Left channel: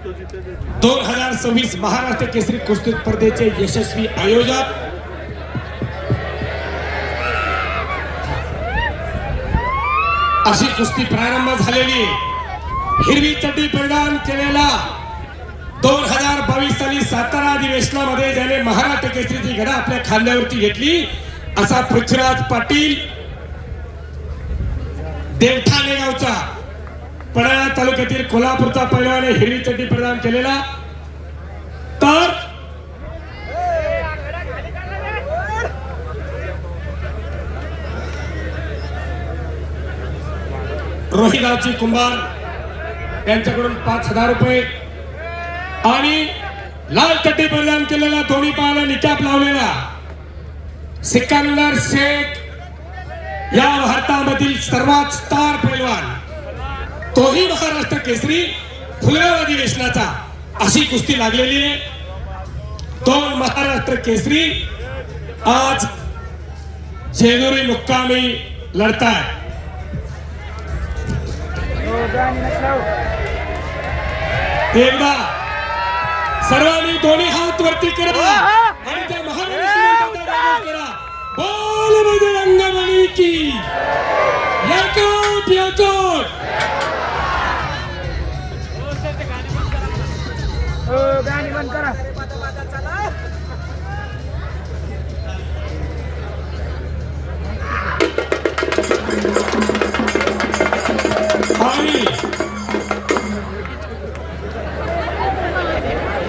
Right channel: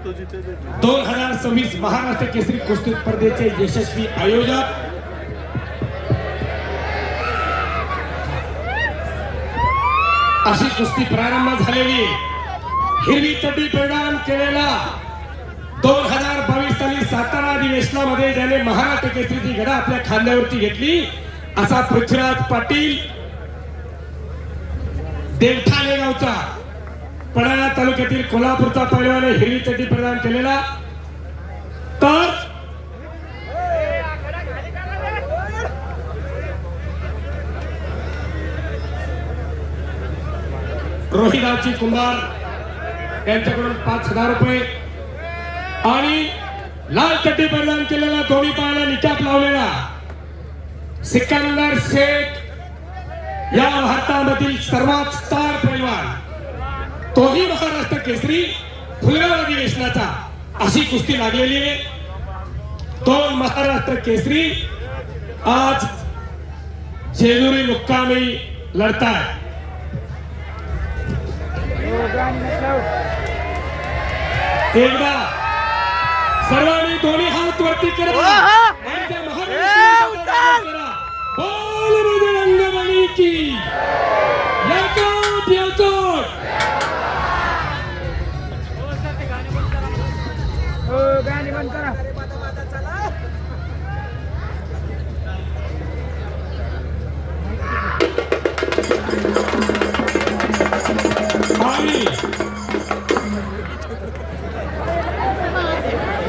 2026 महाराष्ट्र केसरी कुस्ती स्पर्धेचे यशस्वी आयोजक अशी कुस्ती प्रारंभ झालेली हिरवी चड्डी प्रदान केलेला 2022 साली सातारा अधिवेशनामध्ये ज्याने महाराष्ट्र केसरीची गदा आपल्या खांद्यावरती घेतली असा पृथ्वीराज पाटील देवठाणे गावचा पराळा तालुक्यातील कोल्हापूरचा पैलवान हिरवी चड्डी प्रदान केलेला तर रोहिगावची कुंभार यांच्याकडून 5,000 रुपये आणि लाल चड्डी प्रदान केलेला दोन्ही पायाला निकाप लावलेला सिकंदर शेख या भारतामधील सर्वात स्टार पैलवान तोही महाराष्ट्र केसरी खुल्या अधिवेशनाचा अशी कुस्ती लागलेली आहे. दोन महाराष्ट्र केसरी आज जेजुरी मुक्कामी लढतात. एकदा सर्वांनी दोन्ही हात वरती करा आणि त्या महाराष्ट्र करा. बोल बजरंगबली की याकोब याकोब. गाणी बंद करा.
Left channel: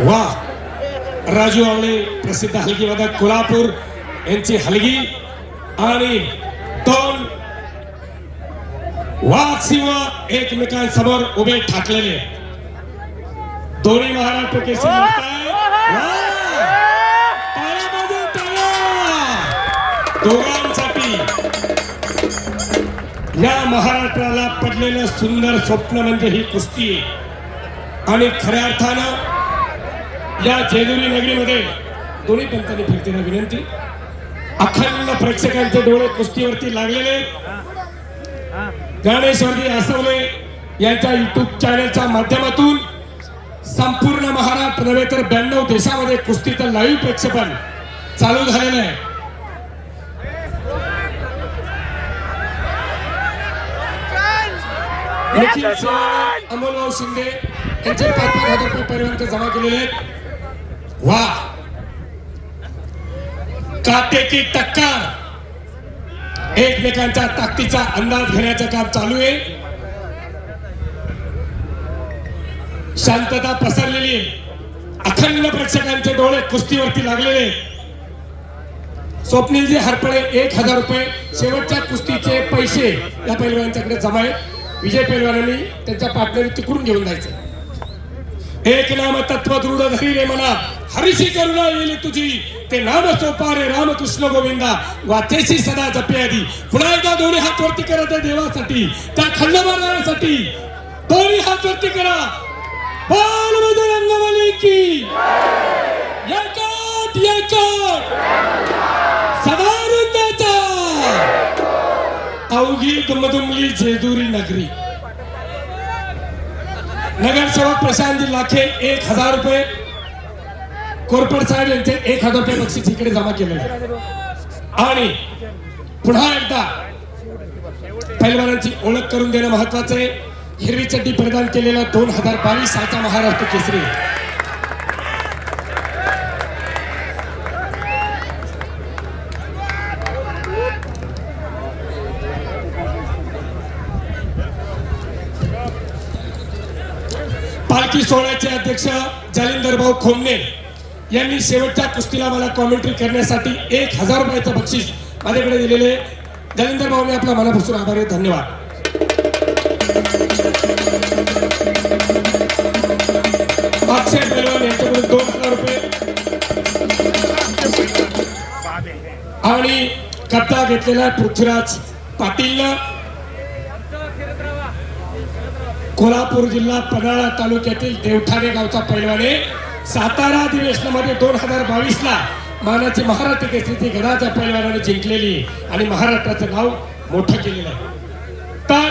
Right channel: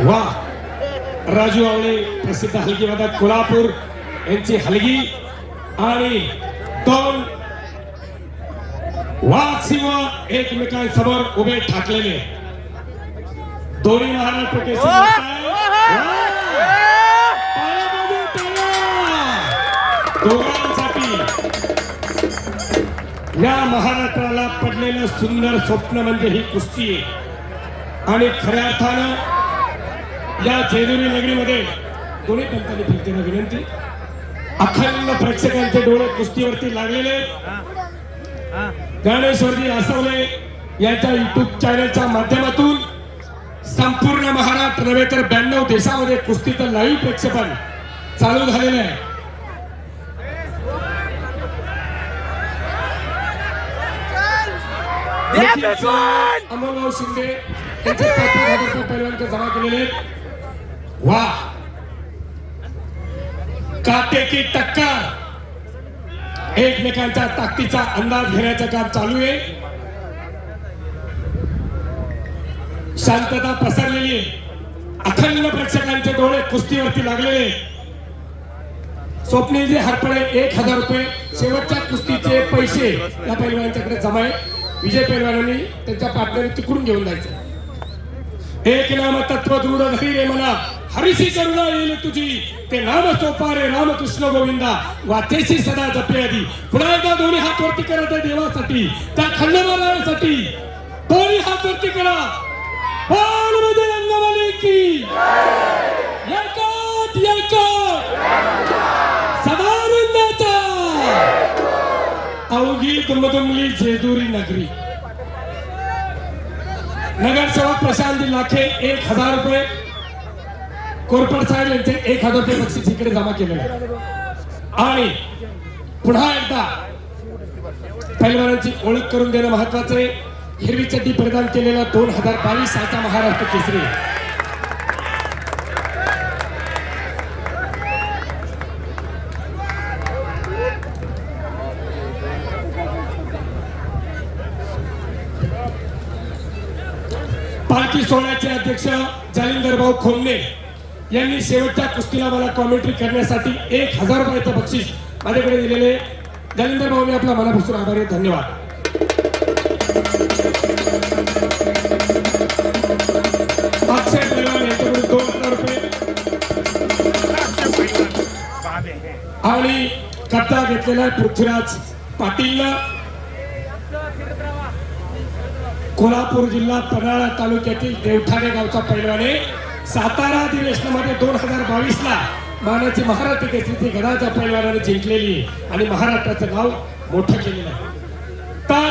वा राजू आवळे प्रसिद्ध हलगी वादक कोल्हापूर यांची हलगी आणि दोन वाघ सिंह एकमेकांसमोर उभे ठाकलेले दोन्ही महाराष्ट्र केसरी दोघांसाठी या महाराष्ट्राला पडलेलं सुंदर स्वप्न म्हणजे ही कुस्ती आणि खऱ्या अर्थानं या जेजुरी नगरीमध्ये दोन्ही पंथांनी फिरतेला विनंती. अखंड प्रेक्षकांचे डोळे कुस्तीवरती लागलेले गणेशवर्दी आसवले यांच्या युट्यूब चॅनलच्या माध्यमातून संपूर्ण महाराष्ट्र नव्हे तर 92 देशामध्ये कुस्तीचं लाईव्ह प्रक्षेपण चालू झालेलं आहे. अमोलभाऊ शिंदे यांचे 5,000 रुपये परिवारात जमा केलेले आहेत. वा काटे की टक्कर एकमेकांच्या ताकदीचा अंदाज घेण्याचं काम चालू आहे. शांतता पसरलेली अखंड प्रेक्षकांचे डोळे कुस्तीवरती लागलेले. स्वप्नीलजी हरपळे 1,000 रुपये शेवटच्या कुस्तीचे पैसे या पैलवानांच्याकडे जमा आहे. विजय पैलवानांनी त्यांच्या पार्टनर तिकडून घेऊन जायचं. एक नाम तत्व दृढ धरी रे मला हरिशी करुणा येईल तुझी ते नाम सोपा रे रामकृष्ण गोविंदा वाचेशी सदा जपे आधी. पुन्हा एकदा दोन्ही हात वरती करा त्या देवासाठी त्या खंडोबारासाठी दोन्ही हात वरती करा. बोल बजरंगबली की याकोब याकोब. सदानंदाचा अवघी दुमदुमली जेजुरी नगरी. नगरसेवक प्रशांतजी लाखे 1,000 रुपये कोरपड साहेब यांचे 1,000 रुपये बक्षीस इकडे जमा केलेले आणि पुन्हा एकदा पैलवानांची ओळख करून देणं महत्वाचं आहे. हिरवी चड्डी प्रदान केलेला 2022 सालचा महाराष्ट्र केसरी पालखी सोहळ्याचे अध्यक्ष जालिंदर भाऊ खोमने यांनी शेवटच्या कुस्तीला मला कॉमेंट्री करण्यासाठी 1,000 रुपयाचं बक्षीस माझ्याकडे दिलेले. जालिंदर भाऊने आपला मनापासून आभार आहे. धन्यवाद. अक्षय पैलवान यांच्याकडून 2,000 रुपये आणि कट्टा घेतलेला पृथ्वीराज पाटील कोल्हापूर जिल्हा पन्हाळा तालुक्यातील देवठाणे गावचा पैलवाने सातारा अधिवेशनामध्ये 2022 ला मानाची महाराष्ट्र केसरीची गदाच्या पैलवानाने जिंकलेली आणि महाराष्ट्राचं नाव मोठं केलेलं आहे. तर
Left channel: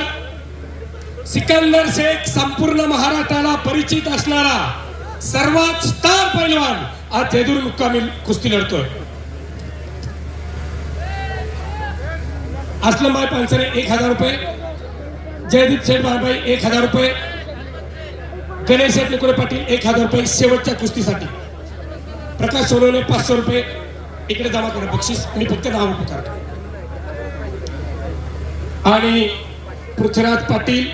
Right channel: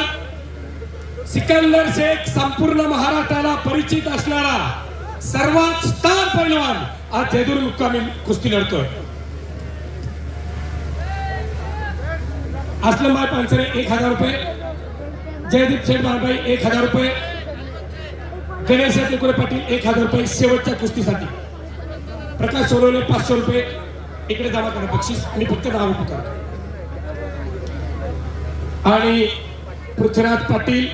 सिकंदर शेख संपूर्ण महाराष्ट्राला परिचित परिचित असणारा सर्वात स्टार पैलवान आज जेजुरी मुक्कामी कुस्ती लढतोय. असलमभाई पानसरे 1000 रुपये, जयदीप शेठ बारबाई 1000 रुपये, गणेश शेटकुळे पाटील 1000 रुपये शेवटच्या कुस्तीसाठी. प्रकाश सोनवणे 500 रुपये इकडे जमा करा बक्षीस. मी फक्त नाव पुकारतो. आणि पृथ्वीराज पाटील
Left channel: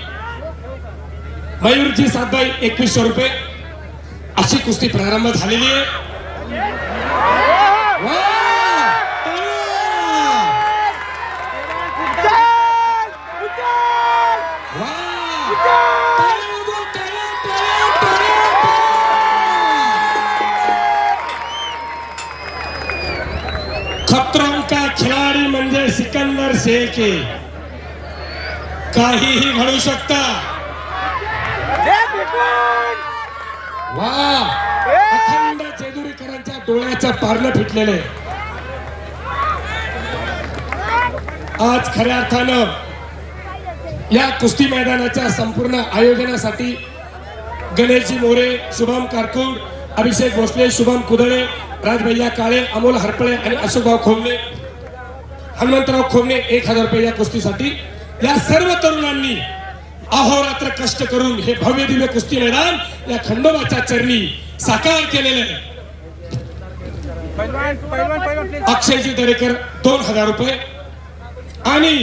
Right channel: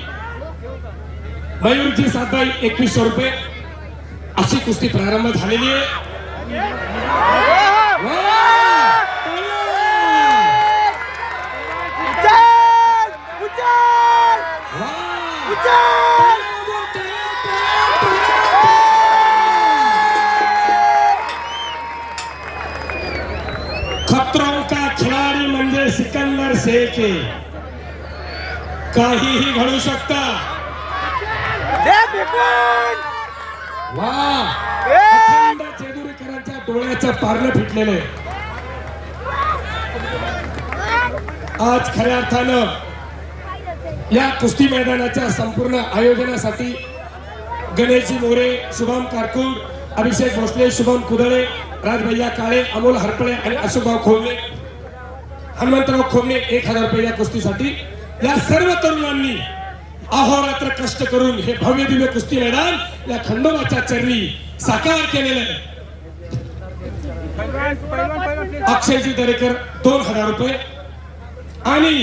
मयूरजी सातबाई 2100 रुपये. अशी कुस्ती प्रारंभ झालेली आहे. खतरों का खिलाडी म्हणजे सिकंदर शेख आहे. काहीही घडू शकतं. अखंड जेजुरीकरांच्या डोळ्याचं पारणं फिटलेलं आहे. आज खऱ्या अर्थानं या कुस्ती मैदानाच्या संपूर्ण आयोजनासाठी गणेशजी मोरे, शुभम कारकूड, अभिषेक भोसले, शुभम कुदळे, राजभैया काळे, अमोल हरपळे आणि अशोकभाऊ खोमणे, हनुमंतराव खोमणे 1000 रुपये या कुस्तीसाठी. या सर्व तरुणांनी अहोरात्र कष्ट करून हे भव्य दिव्य कुस्ती मैदान या खंडोबाच्या चरणी साकार केलेलं आहे. अक्षयजी दरेकर 2000 रुपये आणि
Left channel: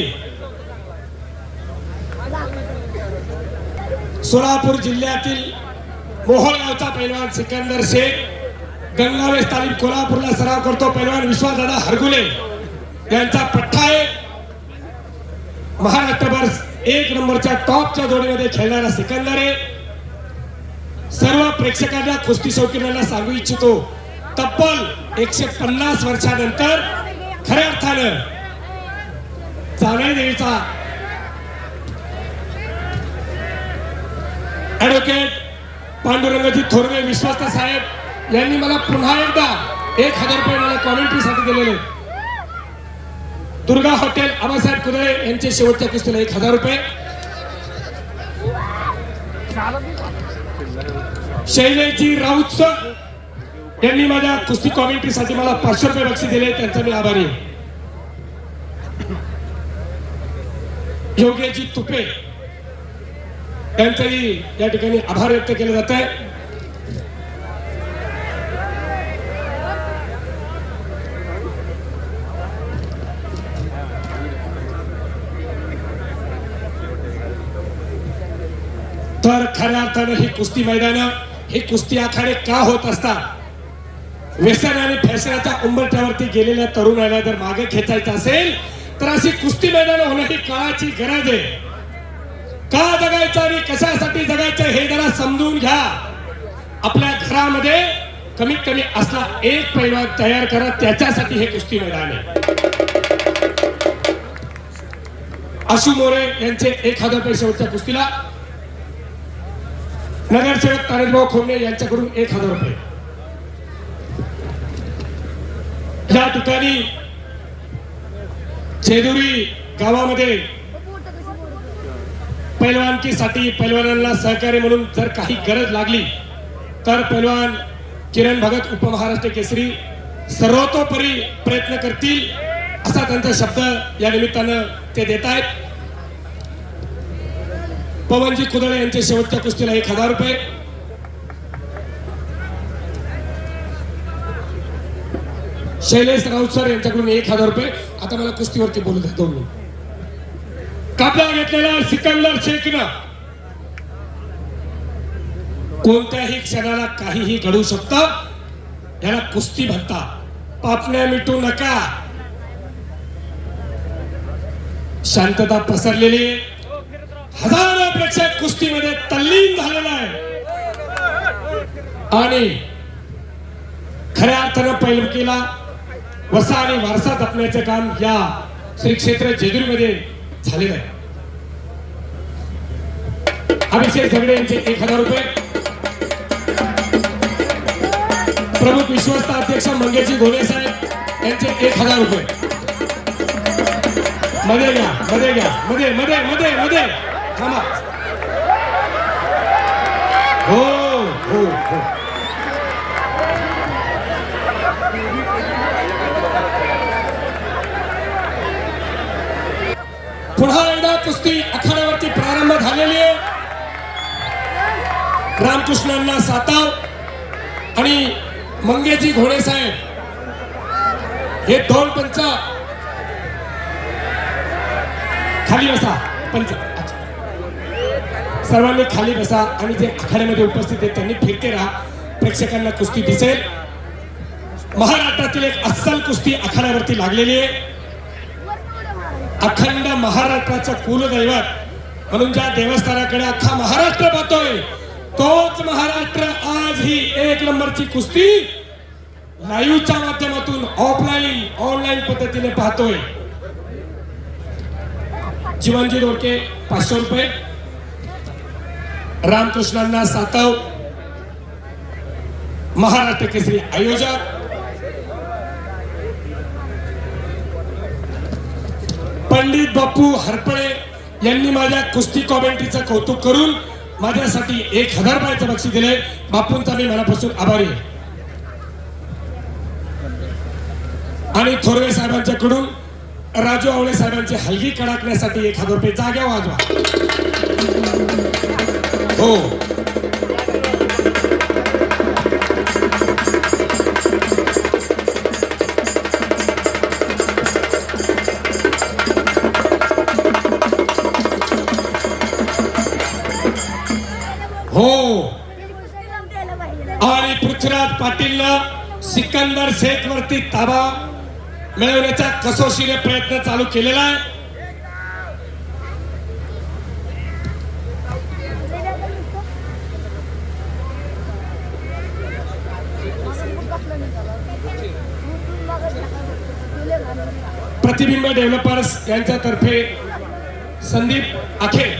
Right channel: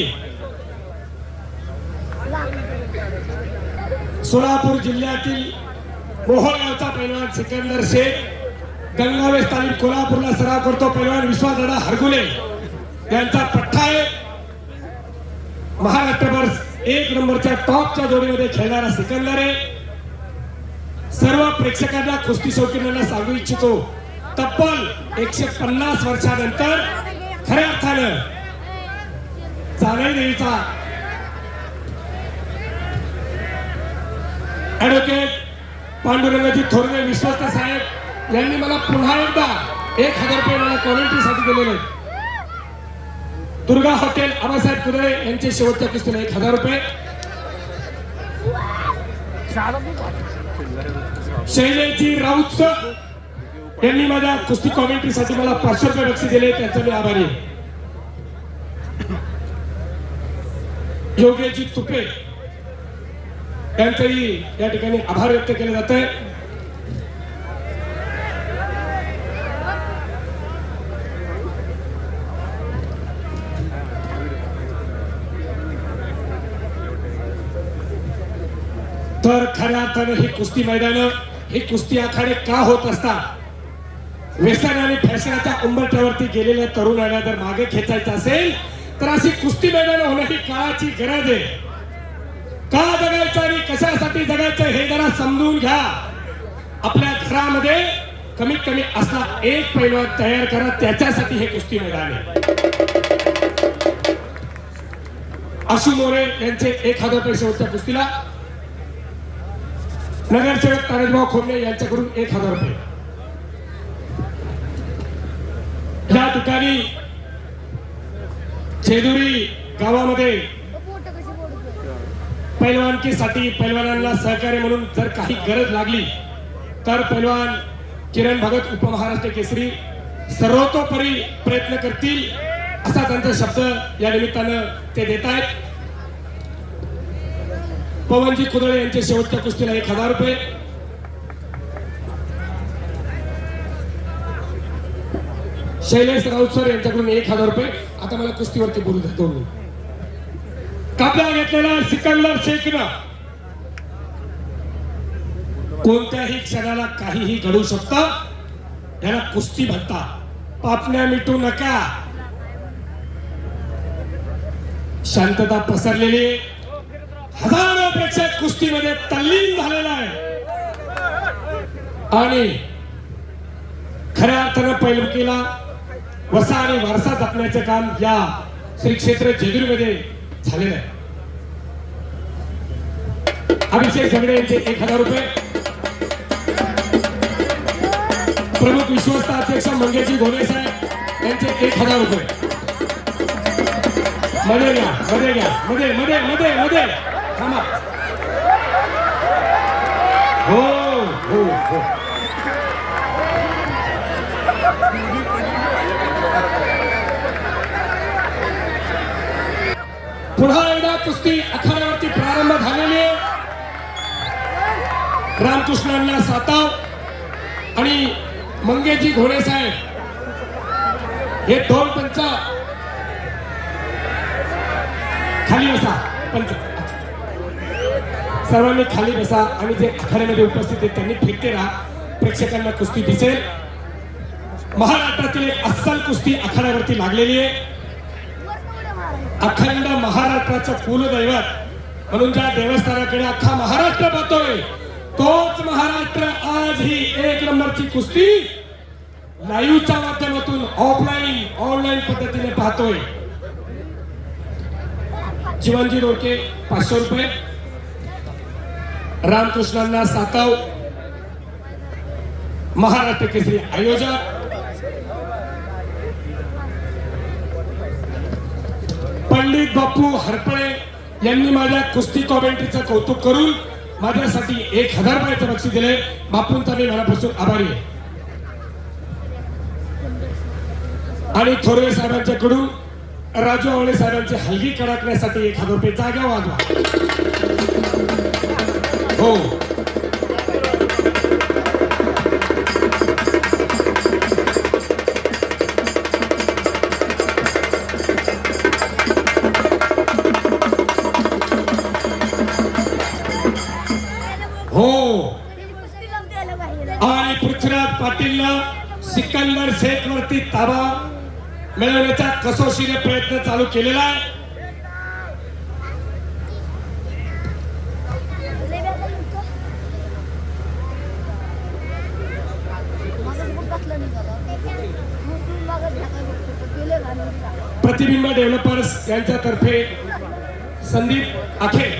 सोलापूर जिल्ह्यातील मोहोळगावचा पैलवान सिकंदर शेख, गंगावेश तालीम कोल्हापूरला सराव करतो पैलवान विश्वासदादा हरगुले यांचा पठ्ठा आहे. महाराष्ट्रभर 1 नंबरच्या टॉपच्या जोडीमध्ये खेळणारा सिकंदर आहे. सर्व प्रेक्षकांना कुस्ती शौकीनांना सांगू इच्छितो, तब्बल 150 वर्षानंतर खऱ्या अर्थानं जावळदेवीचा ऍडव्होकेट पांडुरंगजी थोरवे विश्वस्त साहेब यांनी मला पुन्हा एकदा 1000 रुपये मला कॉमेंट्रीसाठी दिलेले. दुर्गा हॉटेल आबासाहेब कुदळे यांचे शेवटच्या कुस्तीला 1000 रुपये. शैलेशजी राऊत यांनी माझ्या कुस्ती कॉमेंट्रीसाठी मला 500 रुपये बक्षीस दिले, त्यांचा मी आभारी आहे. योगेशजी तुपे यांचंही या ठिकाणी आभार व्यक्त केले जात आहे. तर खऱ्या अर्थाने ही कुस्ती मैदान, ही कुस्ती आखाडे का होत असतात? व्यसन आणि फॅशनाच्या उंबरठ्यावरती गेलेल्या तरुणांना जर मागे खेचायचं असेल तर अशी कुस्ती मैदान होणं ही काळाची गरज आहे. का जगायचं आणि कशासाठी जगायचं हे जरा समजून घ्या. आपल्या घरामध्ये कमीत कमी असला एक पैलवान तयार करा, त्याच्यासाठी हे कुस्ती मैदान आहे. आशू मोरे यांचे 1000 रुपये शेवटच्या कुस्तीला. नगरसेवक तानाजीभाऊ खोमणे यांच्याकडून 1000 रुपये. या ठिकाणी जेजुरी गावामध्ये पैलवानकीसाठी पैलवानांना सहकार्य म्हणून जर काही गरज लागली तर पैलवान किरण भगत उपमहाराष्ट्र केसरी सर्वतोपरी प्रयत्न करतील असा त्यांचा शब्द या निमित्तानं ते देत आहेत. पवनजी कुदळे यांचे शेवटच्या कुस्तीला 1000 रुपये. शैलेश राऊत सर यांच्याकडून 1000 रुपये. आता मला कुस्तीवरती बोलू द्या 2 मिनिट. कब्जा घेतलेला सिकंदर शेखनं कोणत्याही क्षणाला काहीही घडू शकतं. याला कुस्ती म्हणतात. पापण्या मिटू नका. शांतता पसरलेली, हजारो प्रेक्षक कुस्तीमध्ये तल्लीन झालेला आहे आणि खऱ्या अर्थानं पैलवानकीला वसा आणि वारसा जपण्याचे काम या श्री क्षेत्र जेजुरीमध्ये झालेलं आहे. अभिषेक झगडे यांचे 1000 रुपये. प्रमुख विश्वस्त अध्यक्ष मंगेशजी धोणे साहेब यांचे 1000 रुपये. मध्ये घ्या, मध्ये घ्या, मध्ये मध्ये मध्ये मध्ये थांबा. हो हो हो. पुन्हा एकदा कुस्ती आखाड्यावरती प्रारंभ झालेली आहे. रामकृष्णांना साताव आणि मंगेजी घोडे साहेब हे दोन पंच. खाली बसा पंच. अच्छा. सर्वांनी खाली बसा आणि जे आखाड्यामध्ये उपस्थित आहेत त्यांनी फिरते राहा. प्रेक्षकांना कुस्ती दिसेल. महाराष्ट्रातील एक अस्सल कुस्ती आखाड्यावरती लागलेली आहे. अखंड महाराष्ट्राचं कुलदैवत म्हणून ज्या देवस्थानाकडे अख्खा महाराष्ट्र पाहतोय तोच महाराष्ट्र आज ही एक नंबरची कुस्ती लाईव्हच्या माध्यमातून ऑफलाईन ऑनलाईन पद्धतीने पाहतोय. जीवनजी डोके 500 रुपये. रामकृष्णांना साताव महाराष्ट्र केसरी आयोजक पंडित बापू हरपळे यांनी माझ्या कुस्ती कॉमेंट्रीचं कौतुक करून माझ्यासाठी 1000 रुपयाचं बक्षीस दिले. बापूंचा मी मनापासून आभारी आहे. आणि थोरवे साहेबांच्याकडून राजू आवळे साहेबांची हलगी कडकण्यासाठी 1000 रुपये. जाग्या वाजवा. हो. हो. आणि पृथ्वीराज पाटीलनं सिकंदर शेख वरती ताबा मिळवण्याचा कसोशीने प्रयत्न चालू केलेला आहे. प्रतिबिंब डेव्हलपर्स यांच्यातर्फे संदीप आखे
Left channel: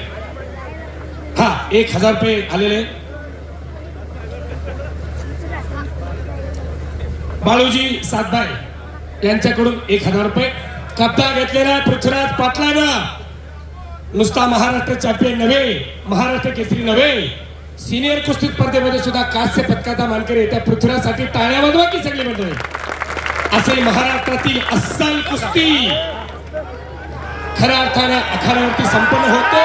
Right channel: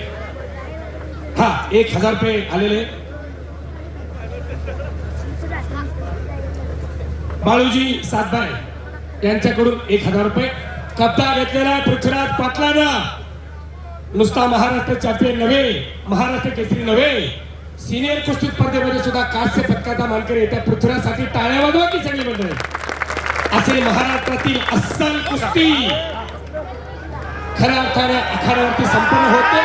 1000 रुपये आलेले. बाळूजी सातबाई यांच्याकडून 1000 रुपये. कब्जा घेतलेला पृथ्वीराज पाटलानं. नुसता महाराष्ट्र चॅम्पियन नव्हे, महाराष्ट्र केसरी नव्हे, सिनियर कुस्ती स्पर्धेमध्ये सुद्धा कांस्य पदकाचा मानकरी येत्या पृथ्वीराजसाठी टाळ्या वाजवा की सगळी मंडळी. असे महाराष्ट्रातील अस्सल कुस्ती खऱ्या अर्थाने आखाड्यावरती संपन्न होते.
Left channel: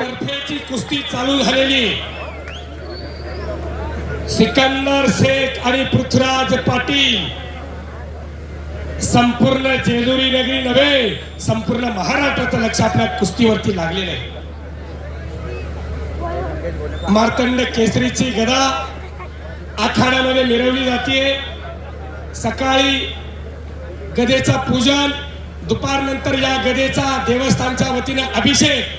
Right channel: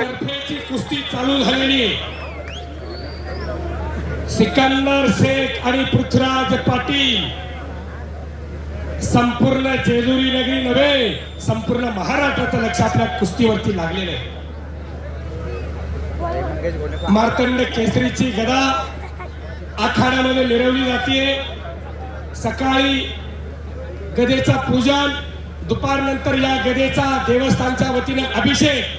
तर्फेची कुस्ती चालू झालेली. सिकंदर शेख आणि पृथ्वीराज पाटील संपूर्ण जेजुरी नगरी नव्हे, संपूर्ण महाराष्ट्राचं लक्ष आपल्या कुस्तीवरती लागलेलं आहे. मार्तंड केसरीची गदा आखाड्यामध्ये मिरवली जाते. सकाळी गदेचा पूजन, दुपारनंतर या गदेचा देवस्थानच्या वतीने अभिषेक.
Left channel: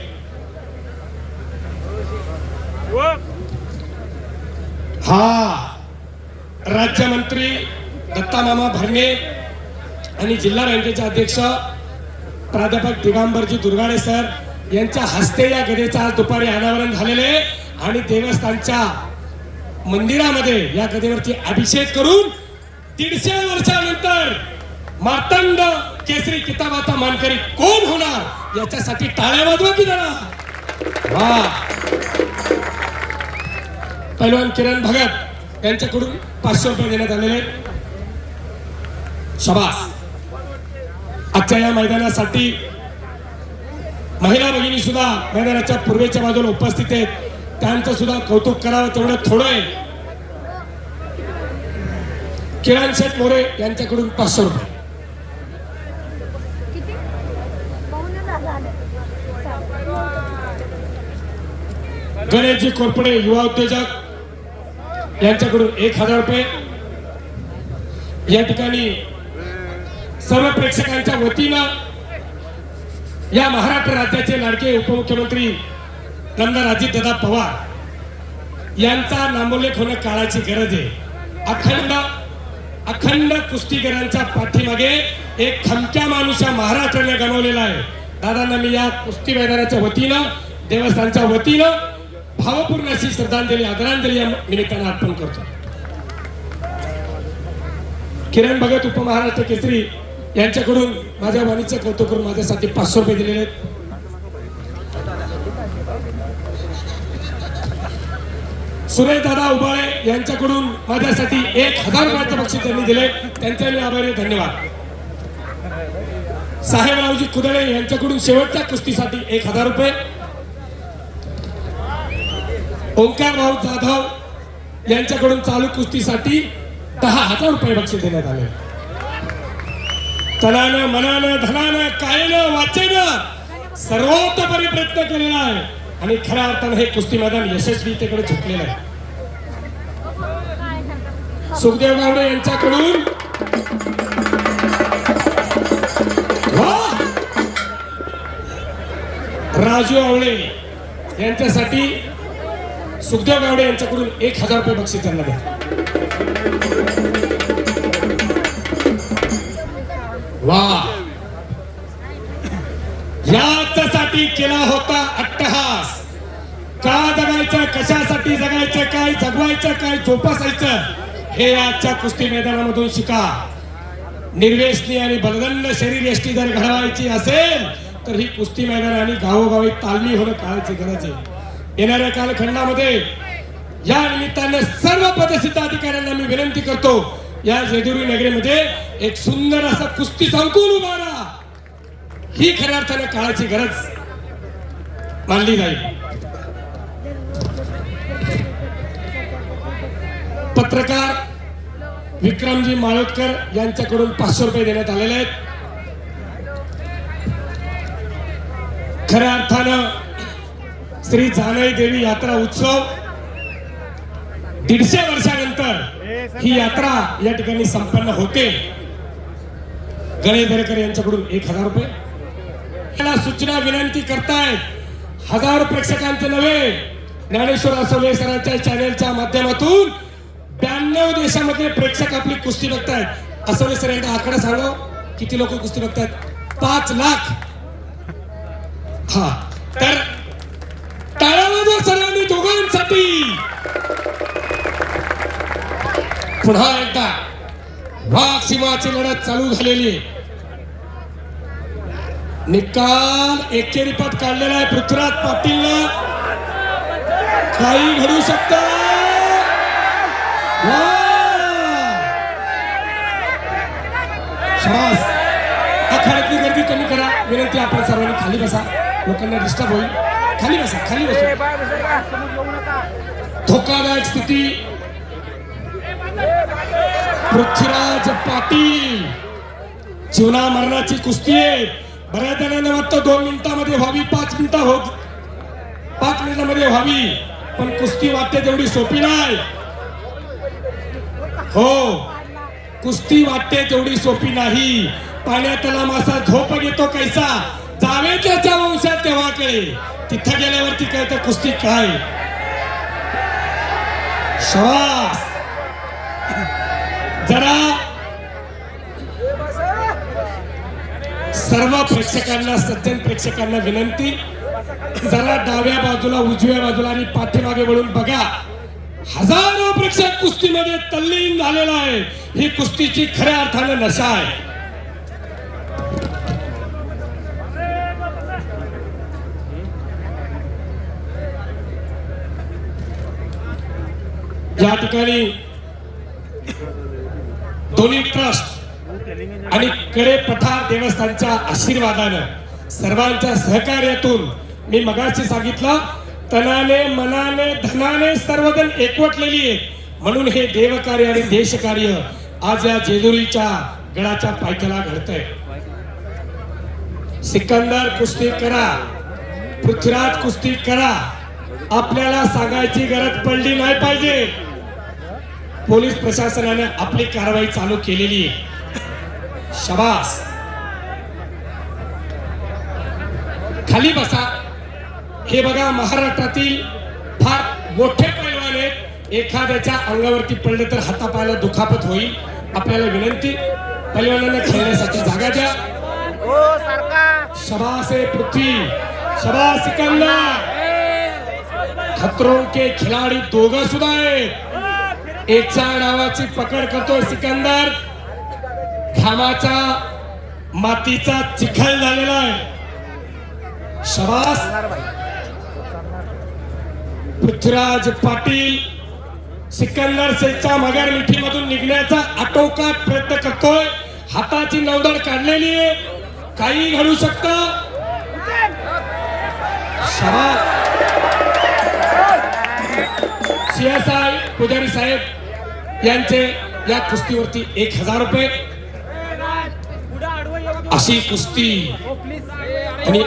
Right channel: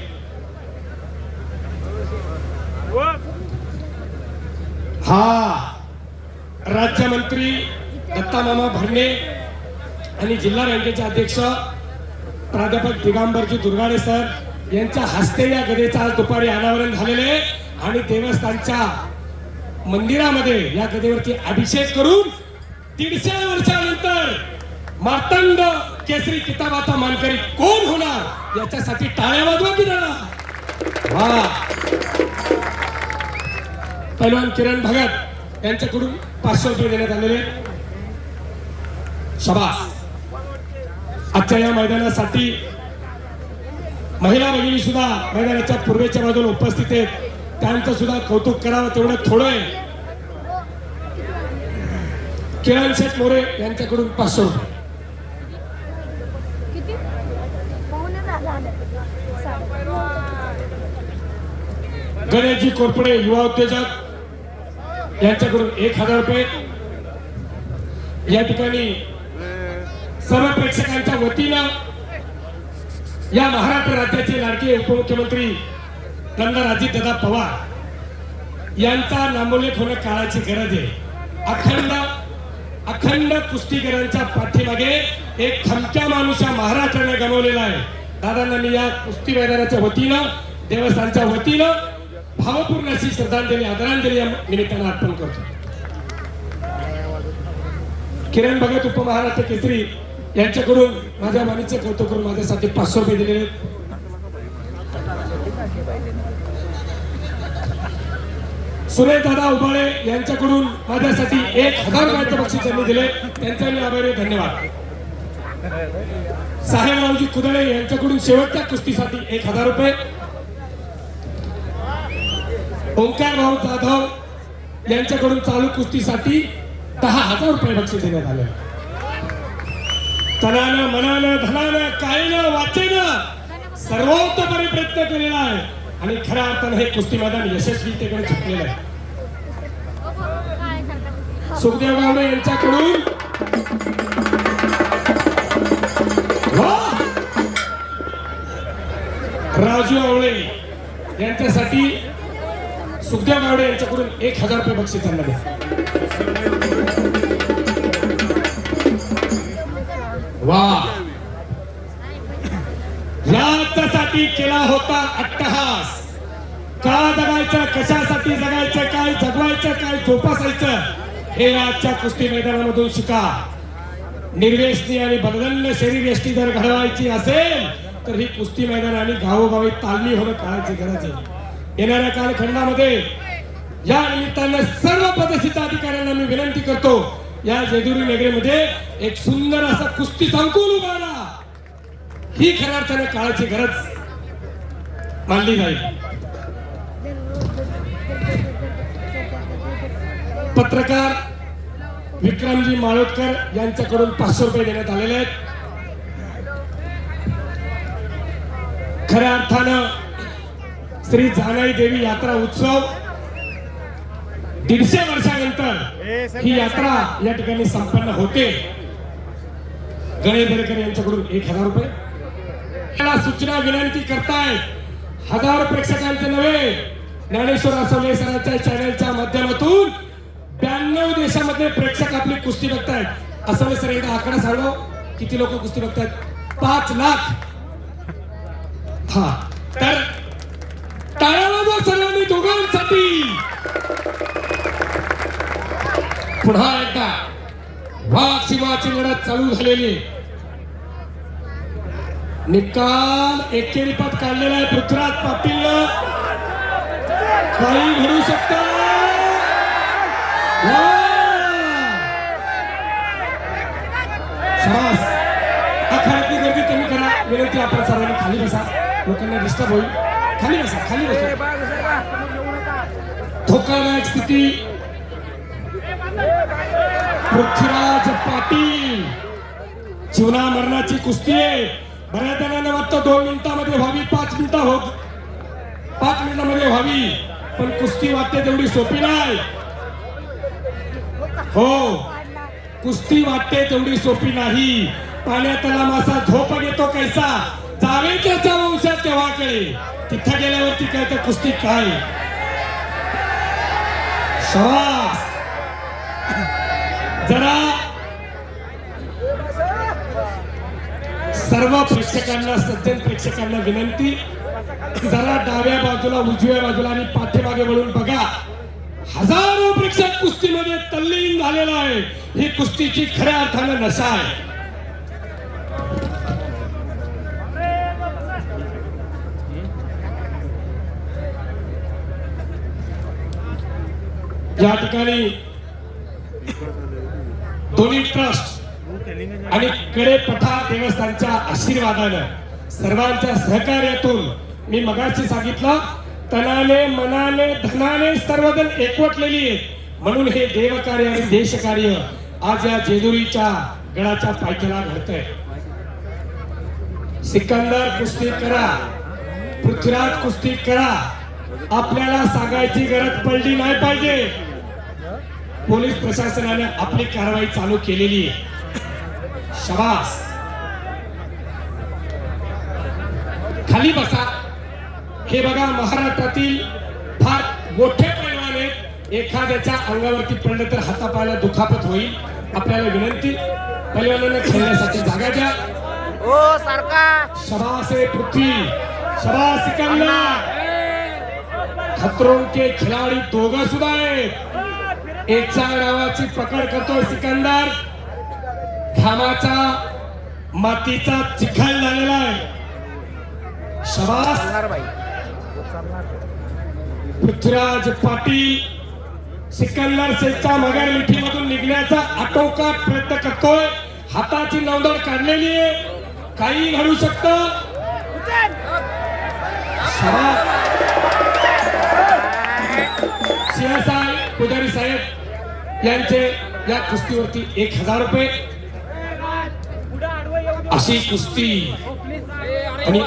राज्यमंत्री दत्ता मामा भरणे आणि जिल्हा बँकेचे अध्यक्ष प्राध्यापक दिगंबरजी दुर्गाडे सर यांच्या हस्ते या गदेचं आज दुपारी अनावरण झालेले आणि देवस्थानच्या मंदिरामध्ये या गदेवरती अभिषेक करून 150 वर्षानंतर मार्तंड केसरी किताबाचा मानकरी कोण होणार याच्यासाठी टाळ्या वाजवा की जरा. पैलवान किरण भगत यांच्याकडून 500 रुपये देण्यात आलेले. शाबास. आजच्या या मैदानासाठी महिला भगिनी सुद्धा मैदानाच्या पूर्वेच्या बाजूला उपस्थित आहेत. त्यांचं सुद्धा कौतुक करावं तेवढं थोडं आहे. किरण शेठ मोरे यांच्याकडून 500 रुपये. गणेशजी कोरपडे युवा उद्योजक यांच्याकडून 1000 रुपये. या ठिकाणी सर्व प्रेक्षकांच्या वतीनं या महाराष्ट्र राज्याचे लाडके उपमुख्यमंत्री आमदार अजितदादा पवार यांचा नामोल्लेख होणं काळाची गरज आहे. अखंड कुस्तीगरांच्या पाठीमागे एक खमक्या माणूस या महाराष्ट्राने गमावलेला आहे. दादांना मी या कुस्ती मैदानाच्या वतीनं, देवस्थानच्या वतीनं भावपूर्ण अशी श्रद्धांजली, आदरांजली या निमित्तानं अर्पण करतो. किरण भगत उपमहाराष्ट्र केसरी यांच्याकडून माझ्या वाणीचं कौतुक करून माझ्यासाठी 500 रुपये दिलेले आहेत. सुरेश दादा उबाळे यांच्याकडून माझ्यासाठी 1000 रुपयाचं बक्षीस त्यांनी दिले, त्यांचा मी आभारी आहे, धन्यवाद. साहेबरावजी कुदळे यांच्याकडून शेवटच्या कुस्तीसाठी 1000 रुपये. ओंकार भाऊ जाधव यांच्याकडून चालू कुस्तीसाठी 10,000 रुपये बक्षीस देण्यात आले. तनानं मनानं धनानं कायनं वाचेनं सर्वोत्तपणे प्रयत्न केलेला आहे आणि खऱ्या अर्थानं हे कुस्ती मैदान यशस्वीतेकडे झुकलेलं आहे. सुखदेव गावडे यांच्याकडून राजू आवळे यांच्यासाठी सुखदेव गावडे यांच्याकडून 1000 रुपये बक्षीस त्यांना द्या. वा, याच्यासाठी केला होता अट्टहास. का जगायचं, कशासाठी जगायचं, काय जगवायचं, काय जोपासायचं हे आजच्या कुस्ती मैदानामधून शिका. निर्व्यसनी आणि बलदंड शरीर यष्टी जर घडवायची असेल तर ही कुस्ती मैदान आणि गावोगावी तालमी होणं काळाची गरज आहे. येणाऱ्या कालखंडामध्ये या निमित्तानं सर्व पदस्थित अधिकाऱ्यांना मी विनंती करतो, या जेजुरी नगरीमध्ये एक सुंदर असा कुस्ती संकुल उभारा. ही खऱ्या अर्थानं काळाची गरज मानली जाईल. पत्रकार विक्रमजी माळोदकर यांच्याकडून 500 रुपये देण्यात आलेले आहेत. खऱ्या अर्थानं श्री जानाई देवी यात्रा उत्सव 150 वर्षानंतर ही यात्रा या ठिकाणी संपन्न होते. गणेश दरेकर यांच्याकडून 1000 रुपये. सूचना विनंती करतायत 1000 प्रेक्षकांचे नव्हे, ज्ञानेश्वर आसवे सरांच्या चॅनलच्या माध्यमातून 92 देशामध्ये प्रेक्षक आपली कुस्ती बघतायत. आसवे सर एकदा आकडा सांगा, किती लोक कुस्ती बघतायत? 5 लाख. हा, तर टाळावाजवा सर्वांनी दोघांसाठी. पुन्हा एकदा वाघ सिंहाची लढत चालू झालेली. निकाल एकेरी पद काढलेला आहे पृथ्वीराज पाटील. काही घडू शकतं. शाबास. आखाड्यातली गर्दी कमी करा विनंती. आपण सर्वांनी खाली बसा, लोकांना डिस्टर्ब होईल. खाली बसा, खाली बसा. धोकादायक स्थिती. पृथ्वीराज पाटील, जीवना मरणाची कुस्ती आहे. बऱ्याच जणांना वाटतं 2 मिनिटांमध्ये व्हावी, 5 मिनिटांमध्ये व्हावी, पण कुस्ती वाटते तेवढी सोपी नाही. हो, कुस्ती वाटते तेवढी सोपी नाही. पाण्यातला मासा झोप घेतो कैसा, जावे त्याच्या वंशात तेव्हा कळे. तिथं गेल्यावरती कळतं कुस्ती काय. शाबास. जरा सर्व प्रेक्षकांना, सज्जन प्रेक्षकांना विनंती, जरा डाव्या बाजूला, उजव्या बाजूला आणि पाठीमागे वळून बघा. हजारो प्रेक्षक कुस्तीमध्ये तल्लीन झालेला आहे. ही कुस्तीची खऱ्या अर्थानं नशा आहे. या ठिकाणी दोन्ही ट्रस्ट आणि कडे पठार देवस्थानच्या आशीर्वादानं, सर्वांच्या सहकार्यातून, मी मगाशी सांगितलं, तनाने मनाने धनाने सर्वजण एकवटलेली आहे. म्हणून हे देवकार्य आणि देशकार्य आज या जेजुरीच्या गडाच्या पायथ्याला घडतंय. सिकंदर कुस्ती करा, पृथ्वीराज कुस्ती करा. आपल्याला सांगायची गरज पडली नाही पाहिजे. पोलीस प्रशासनाने आपली कारवाई चालू केलेली आहे. शाबास. खाली बसा. हे बघा, महाराष्ट्रातील फार मोठे पैलवान आहेत. एखाद्याच्या अंगावरती पडलं तर हातापायाला दुखापत होईल. आपल्याला विनंती, पैलवानांना खेळण्यासाठी जागा द्या. शाबास आहे पृथ्वी, शाबास सिकंदर. खतरों के खिलाडी दोघं सुद्धा आहेत. एचा नावाची पकड करतोय सिकंदर. घामाचा मातीचा चिखल झालेला आहे. शाबास. पृथ्वीराज पाटील सिकंदर शेखच्या मगर मिठीमधून निघण्याचा आटोकाट प्रयत्न करतोय. हाताची नौदर काढलेली आहे, काही घडू शकतं. CSI पुजारी साहेब यांचे या कुस्तीवरती 1000 रुपये. अशी कुस्ती आणि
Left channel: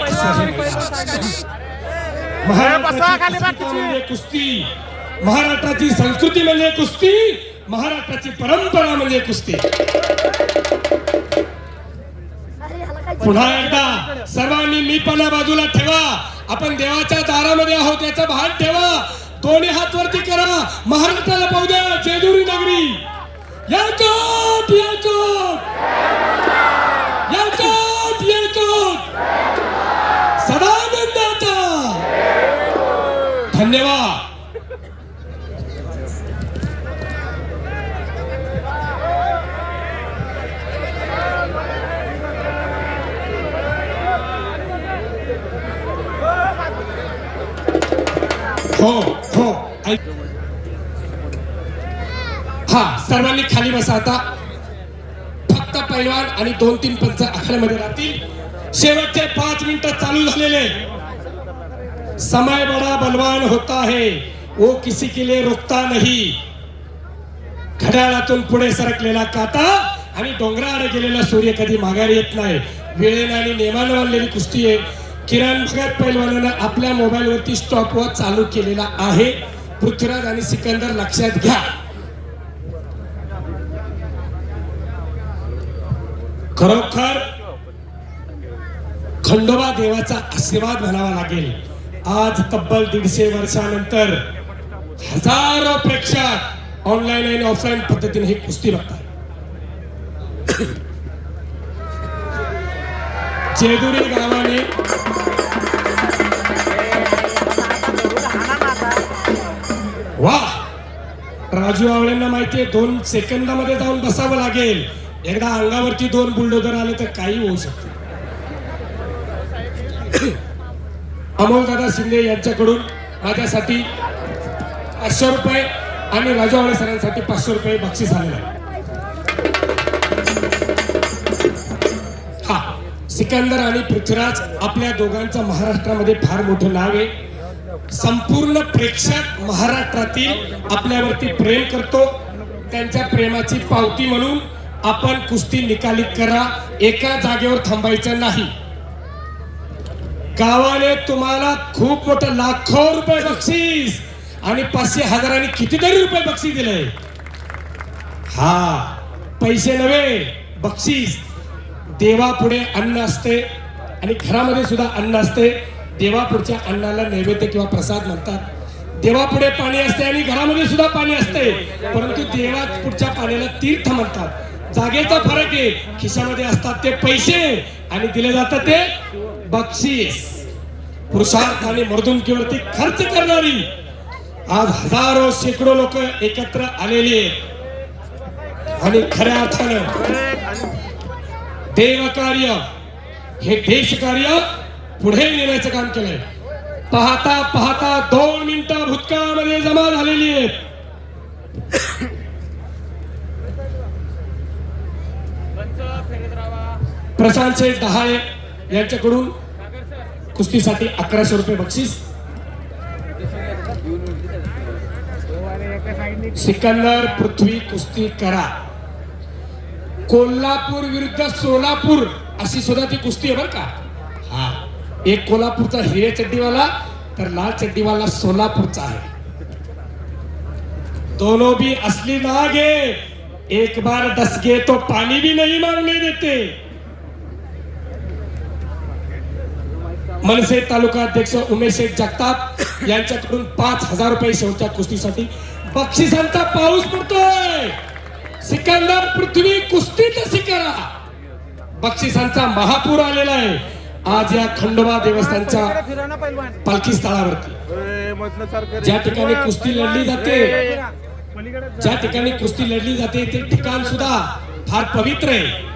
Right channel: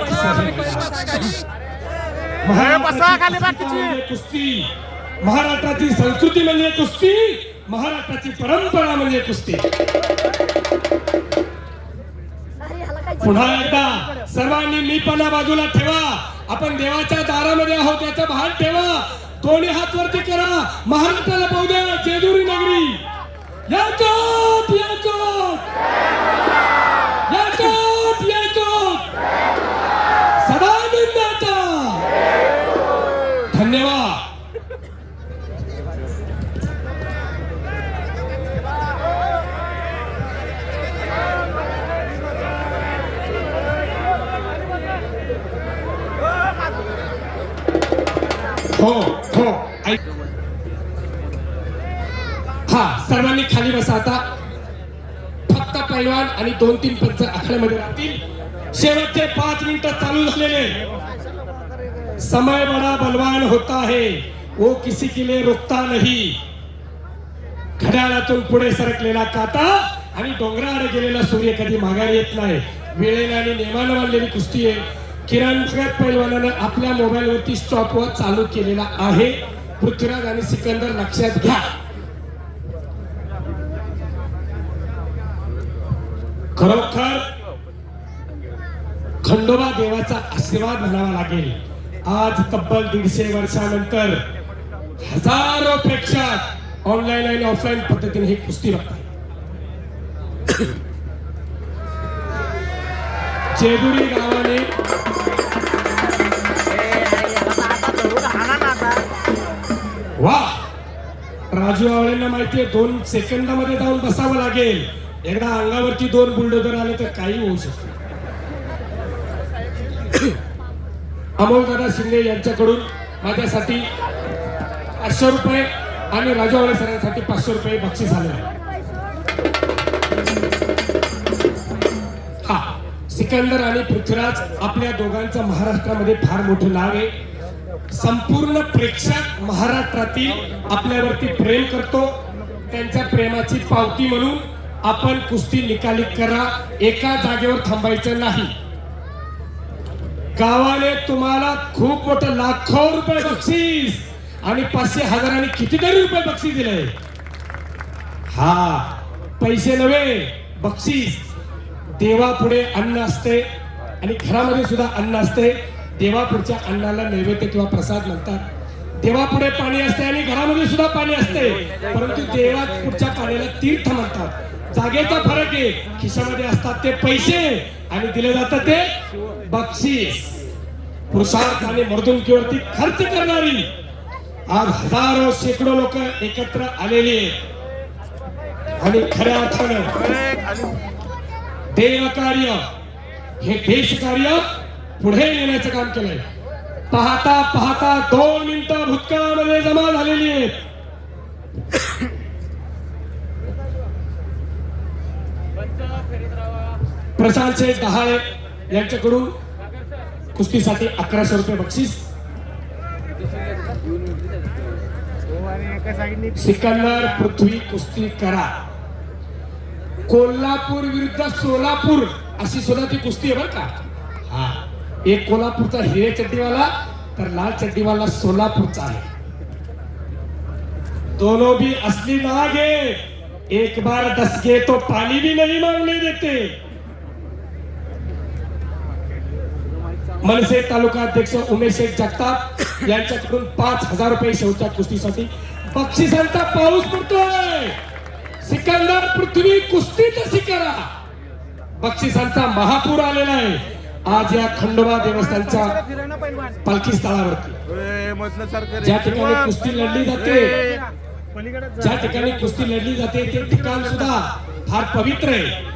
महाराष्ट्राची कुस्ती, महाराष्ट्राची संस्कृती म्हणजे कुस्ती, महाराष्ट्राची परंपरा म्हणजे कुस्ती. पुन्हा एकदा सर्वांनी मीपणा बाजूला ठेवा. आपण देवाच्या दारामध्ये आहोत याचा भान ठेवा. दोन्ही हात वरती करा. महाराष्ट्राला पाहू द्या. जेजुरी नगरी याकोट याकोट याकोट याकोट सदानंदाचा. धन्यवाद. हो हो हा, सर्वांनी खाली बसा. आता फक्त पैलवान आणि 2-3 पंच आखाड्यामध्ये राहतील. शेवटचे 5 मिनिटं चालू झालेले. समय बड़ा बलवान होता है, वो किसी के लिए रुकता नहीं. घड्याळातून पुढे सरकलेला काटा आणि डोंगराकडे गेलेला सूर्य कधी माघारी येत नाही. वेळेने आणि नेमानं बनलेली कुस्ती आहे. किरण भगत पैलवानानं आपल्या मोबाईलवरती स्टॉपवॉच चालू केलेला आहे. पृथ्वीराज आणि सिकंदर लक्षात घ्या. खरोखर खंडोबा देवाचा आशीर्वाद म्हणावा लागेल. आज तब्बल 150 वर्षानंतर हजारो प्रेक्षक ऑनलाईन आणि ऑफलाईन पद्धतीने ही कुस्ती बघतात. जेजुरी गावाने वा, राजू आवळेंना माहितीये 2 सेकंदामध्ये जाऊन बसावं लागेल. एकदा अंगावरती 2 बुलडोजर आले तर काही होऊ शकते. अमोलदादा शिंदे यांच्याकडून माझ्यासाठी 500 रुपये आणि राजू आवळे सरांसाठी 500 रुपये बक्षीस आले. हा, सिकंदर आणि पृथ्वीराज आपल्या दोघांचं महाराष्ट्रामध्ये फार मोठं नाव आहे. संपूर्ण प्रेक्षक महाराष्ट्रातील आपल्यावरती प्रेम करतो. त्यांच्या प्रेमाची पावती म्हणून आपण कुस्ती निकालित करा. एका जागेवर थांबायचं नाही. गावाने तुम्हाला खूप मोठं लाखो रुपये बक्षीस आणि 500,000 आणि कितीतरी रुपये बक्षीस दिले. हा, पैसे नव्हे, बक्षीस. देवापुढे अन्न असते आणि घरामध्ये सुद्धा अन्न असते. देवापुढच्या अन्नाला नैवेद्य किंवा प्रसाद म्हणतात. देवापुढे पाणी असते आणि घरामध्ये सुद्धा पाणी असते, परंतु देवापुढच्या पाण्याला तीर्थ म्हणतात. जागेचा फरक आहे. खिशामध्ये असतात ते पैसे आणि दिले जातात ते बक्षीस. पुरुषार्थ आणि मर्दुमकीवरती खर्च करणारी आज हजारो शेकडो लोक एकत्र आलेली आहेत आणि खऱ्या अर्थानं देवकार्य हे देशकार्य पुढे नेण्याचं काम केलंय. पाहता पाहता 2 मिनिटं भूतकाळामध्ये जमा झालेली आहेत. प्रशांत शेठ दहाळे यांच्याकडून कुस्तीसाठी 1100 रुपये बक्षीस. सिकंदर पृथ्वी कुस्ती करा. कोल्हापूर विरुद्ध सोलापूर अशी सुद्धा ती कुस्ती आहे बरं का. हा, एक कोल्हापूरचा हिरव्या चड्डीवाला तर लाल चड्डीवाला सोलापूरचा आहे. दोनों भी असली नाग है. एक बार डस गए तो पानी भी नहीं मांगने देते. मनसे तालुका अध्यक्ष उमेश शेठ जगताप यांच्याकडून 5000 रुपये शेवटच्या कुस्तीसाठी बक्षिसांचा पाऊस पडतोय. सिकंदर पृथ्वी कुस्ती कशी करा. बक्षिसांचा महापूर आलेला आहे आज या खंडोबा देवस्थानच्या पालखी स्थळावरती. ज्या ठिकाणी कुस्ती लढली जाते, ज्या ठिकाणी कुस्ती लढली जाते ते ठिकाण सुद्धा फार पवित्र आहे.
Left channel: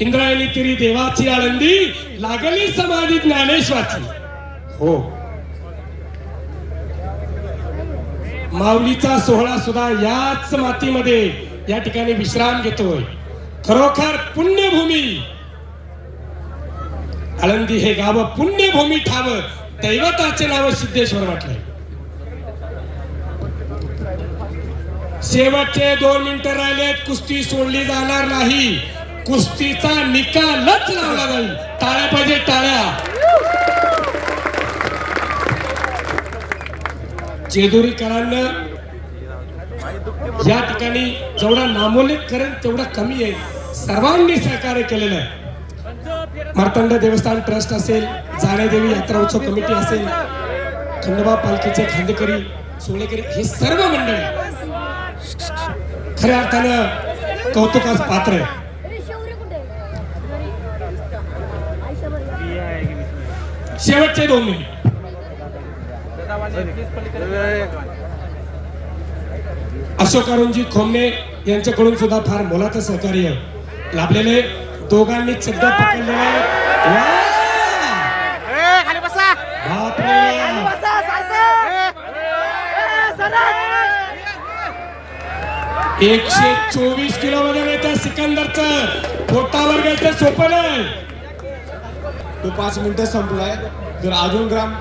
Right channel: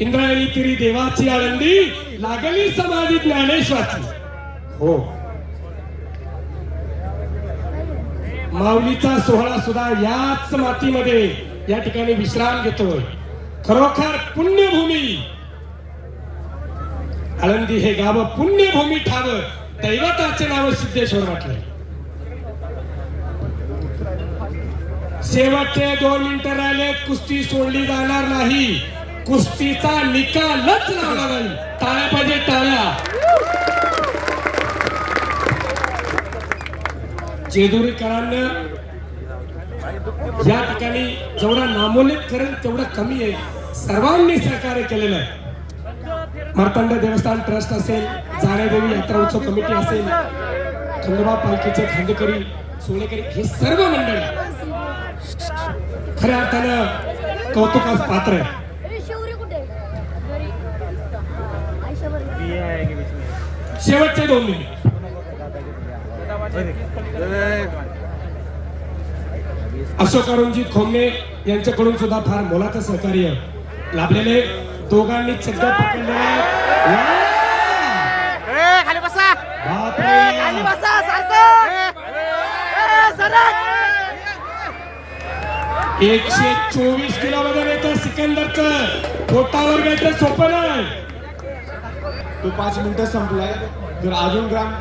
इंद्रायणी तिरी देवाची आळंदी लागली समाधी ज्ञानेश्वराची. हो, माऊलीचा सोहळा सुद्धा याच मातीमध्ये या ठिकाणी विश्राम घेतोय. खरोखर पुण्यभूमी आळंदी हे गाव पुण्यभूमी ठाव, दैवताचे नाव सिद्धेश्वर म्हटलंय. शेवटचे 2 मिनिटं राहिले, कुस्ती सोडली जाणार नाही. कुस्तीचा निकालच लावला जाईल. टाळ्या पाहिजे, टाळ्या. जेजुरीकरांना या ठिकाणी जेवढा नामोल्लेख करेल तेवढा कमी आहे. सर्वांनी सहकार्य केलेलं आहे. मार्तंड देवस्थान ट्रस्ट असेल, जाणेदेवी यात्रा उत्सव कमिटी असेल, खंडोबा पालखीचे खांदेकरी, सोनेकरी, हे सर्व मंडळी खऱ्या अर्थानं कौतुकास पात्र आहे. शेवटचे 2 मिनिट अशोक अरुणजी खोमणे यांच्याकडून सुद्धा फार मोलाचं सहकार्य लाभलेले. दोघांनी चिद्दा पकडले. खाली बसा. बापरे. 124 किलो वजन येतं सिकंदरचं. पोटावर घ्यायचं सोपं नाही. तो 5 मिनिटं संपलाय. जर अजून ग्राम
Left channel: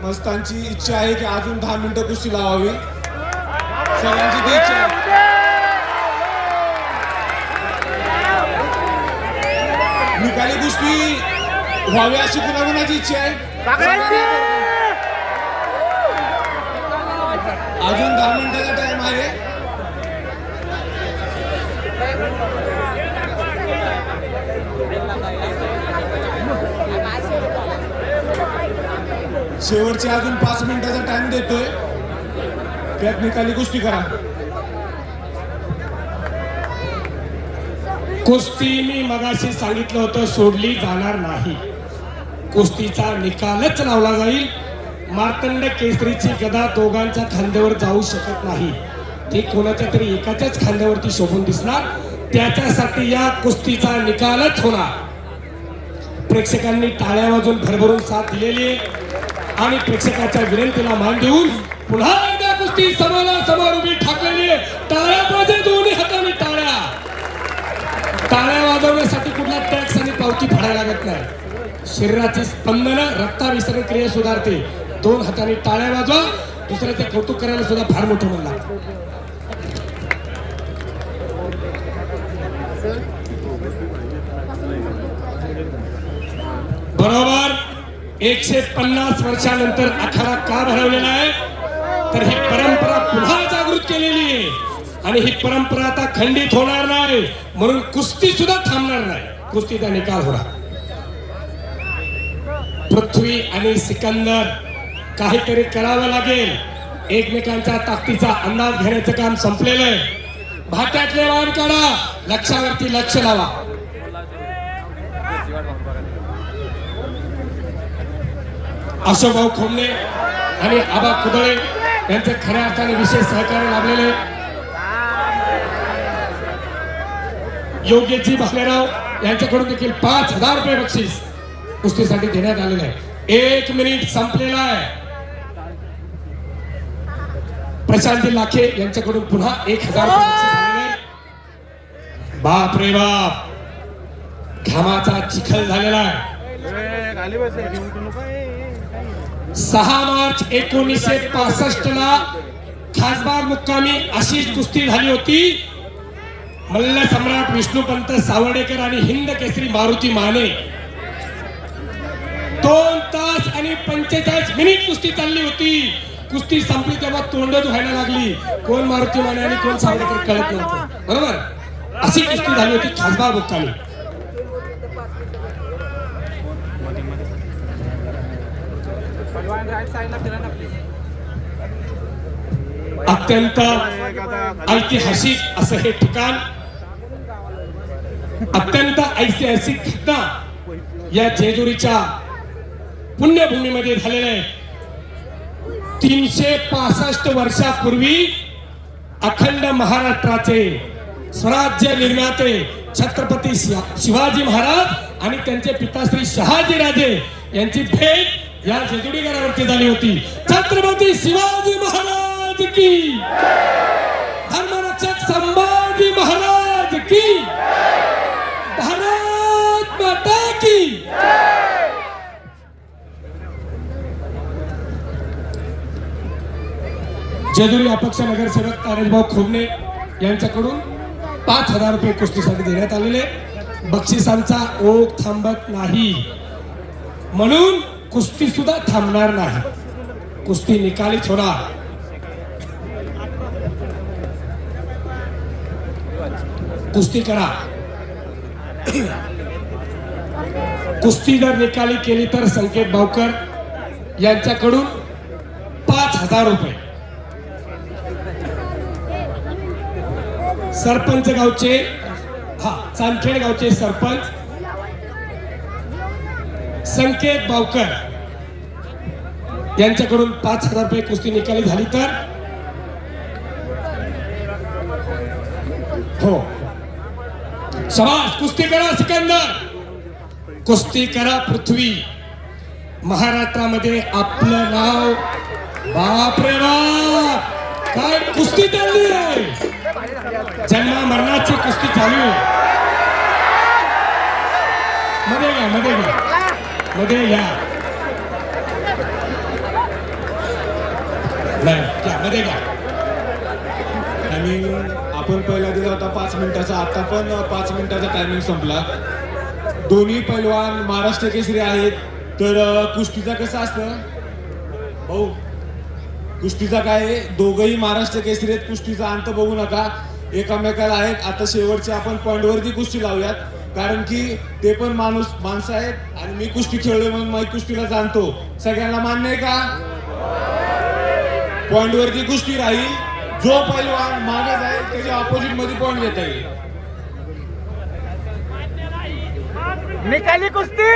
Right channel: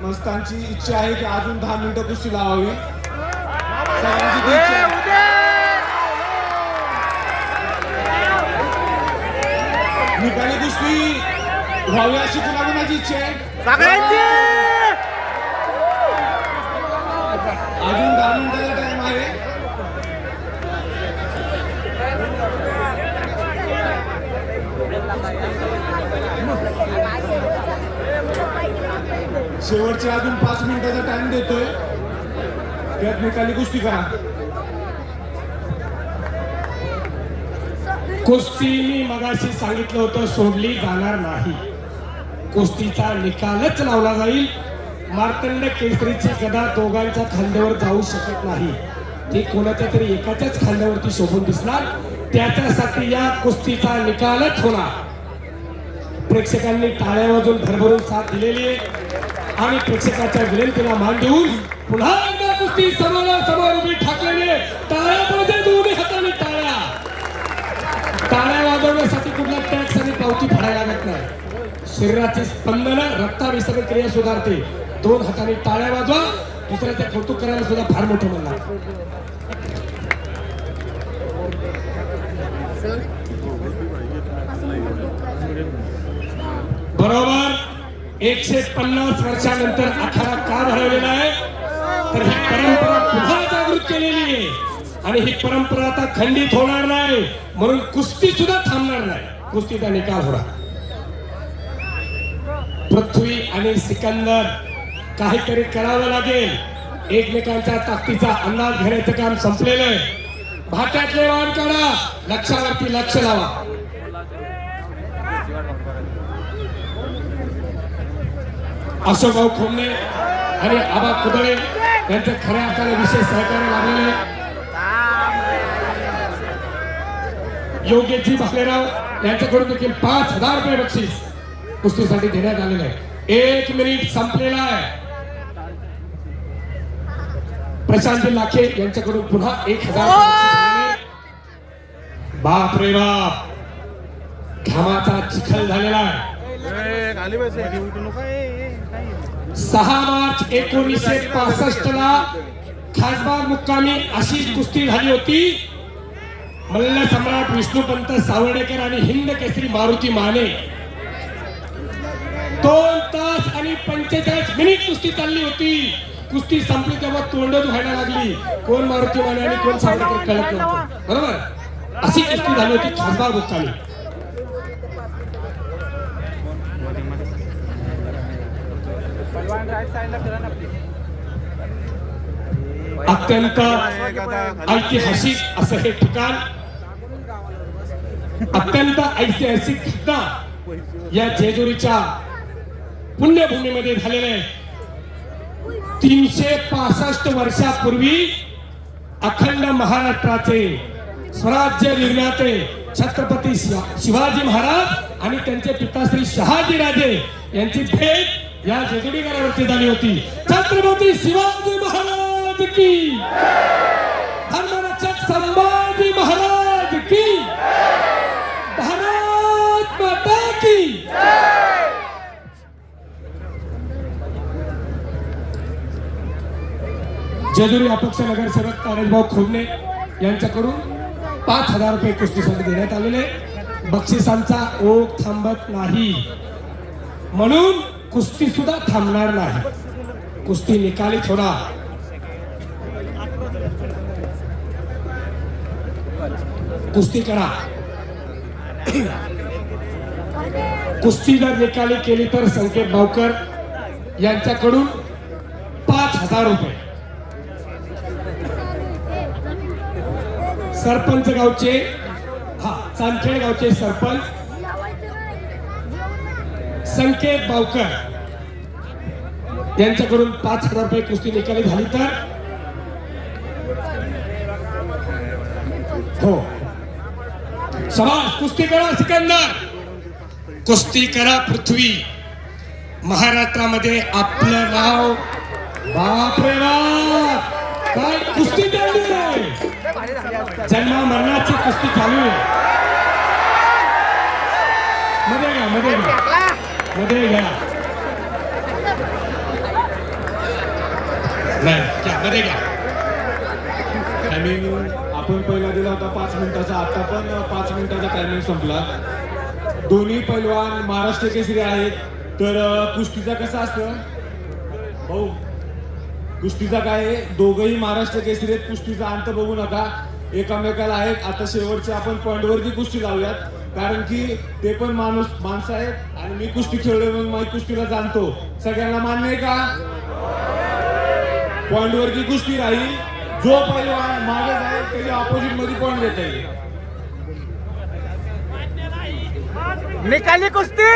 मस्तांची इच्छा आहे की अजून 10 मिनिटं कुस्ती लावावी, सगळ्यांची ती इच्छा आहे. निकाली कुस्ती व्हावी अशी कुणाची माझी इच्छा आहे. अजून 10 मिनिटाचा टाइम आहे. शेवटचे अजून 5 मिनिटाचा टाइम देतोय. त्यात निकाली कुस्ती करा. कुस्ती मी मगाशी सांगितलं होतं सोडली जाणार नाही. कुस्तीचा निकालच लावला जाईल. मार्तंड केसरीची गदा दोघांच्या खांद्यावर जाऊ शकत नाही. ती कोणाच्या तरी एकाच्याच खांद्यावरती शोभून दिसणार. त्याच्यासाठी या कुस्तीचा निकालच होणार. प्रेक्षकांनी टाळ्या वाजवून भरभरून साथ दिलेली आणि प्रेक्षकाच्या विनंतीला मान देऊन पुन्हा एकदा कुस्ती समोर उभी ठाकलेली. टाळ्या पाहिजे, दोन्ही हाताने टाळ्या. टाळ्या वाजवण्यासाठी कुठला टॅक्स आणि पावती फाडायला लागत नाही. शरीराची स्पंदन, रक्ताभिसरण क्रिया सुधारते. 2 हाताने टाळ्या वाजवा. दुसऱ्याचे कौतुक करायला सुद्धा फार मोठं म्हणणार. बरोबर 150 वर्षानंतर आखाडा का भरवलेला आहे, तर ही परंपरा पुन्हा जागृत केलेली आहे. आणि ही परंपरा आता खंडित होणार नाही. म्हणून कुस्ती सुद्धा थांबणार नाही. कुस्तीचा निकाल होणार. पृथ्वी आणि सिकंदर काहीतरी करावं लागेल. एकमेकांच्या ताकदीचा अंदाज घेण्याचं काम संपलेलं आहे. भाट्यातले वाण काढा, लक्षावरती लक्ष लावा. अशोकभाऊ खोमणे आणि आबा कुदळे यांचे खऱ्या अर्थाने विशेष सहकार्य लाभलेले. योगेशजी भालेराव यांच्याकडून देखील 5,000 रुपये बक्षीस कुस्तीसाठी देण्यात आलेले आहे. 1 मिनिट संपलेला आहे. प्रशांतजी लाखे यांच्याकडून पुन्हा 1,000 रुपये बक्षीस आलेले. बाप रे बाप, घामाचा चिखल झालेला आहे. 6 मार्च 1965 ला खासबाग मुक्कामी अशीच कुस्ती झाली होती. मल्ल सम्राट विष्णुपंत सावर्डेकर आणि हिंद केसरी मारुती माने 2 तास आणि 45 मिनिट कुस्ती चालली होती. कुस्ती संपली तेव्हा तोंड धुवायला लागली. कोण मारुती माने आणि कोण सावर्डेकर कळत नव्हतं. बरोबर, अशी कुस्ती झाली होती खासबाग मुक्कामी. अत्यंत ऐतिहासिक असं हे ठिकाण, अत्यंत ऐतिहासिक घटना या जेजुरीच्या पुण्यभूमीमध्ये झालेले. 365 वर्षापूर्वी अखंड महाराष्ट्राचे स्वराज्य निर्माते छत्रपती शिवाजी महाराज आणि त्यांचे पिताश्री शहाजी राजे यांची भेट या जेजुरीगडावरती झाली होती. छत्रपती शिवाजी महाराज की, धर्मरक्षक संभाजी महाराज की, भारत माता की. जेजुरी अपक्ष नगरसेवक तारेशभाऊ खोमणे यांच्याकडून 5,000 रुपये कुस्तीसाठी देण्यात आलेले. बक्षिसांचा ओघ थांबत नाही म्हणून कुस्ती सुद्धा थांबणार नाही. कुस्ती निकाली छोडा. कुस्ती करा. कुस्ती जर निकाली केली तर संकेत भावकर यांच्याकडून 5,000 रुपये. सरपंच गावचे चांदखेड गावचे सरपंच संकेत भावकर यांच्याकडून 5,000 रुपये कुस्ती निकाली झाली तर हो. समाज कुस्ती करा सिकंदर, कुस्ती करा पृथ्वी. महाराष्ट्रामध्ये आपलं नाव बापरे बाप काय कुस्ती चालली आहे. जन्म मरणाची कुस्ती चालू आहे. मध्ये घ्या मध्ये घ्या मध्ये घ्या नाही घ्या मध्ये घ्या. टायमिंग आपण पहिला दिला होता 5 मिनिटाचा, आता पण 5 मिनिटाचा टायमिंग संपला. दोन्ही पैलवान महाराष्ट्र केसरी आहेत. तर कुस्तीचा कसं असतं हो, कुस्तीचा काय आहे, दोघंही महाराष्ट्र केसरी आहेत. कुस्तीचा अंत बघू नका, एकामेकाला आहेत. आता शेवटच्या आपण पॉईंटवरती कुस्ती लावूयात, कारण की ते पण माणसं आहेत आणि मी कुस्ती खेळलो म्हणून मी कुस्तीला जाणतो. सगळ्यांना मान्य आहे का? पॉईंटवरती कुस्ती राहील. जो पैलवान मागे जाईल त्याच्या ऑपोजिट मध्ये पॉईंट घेता येईल. निकाली कुस्ती.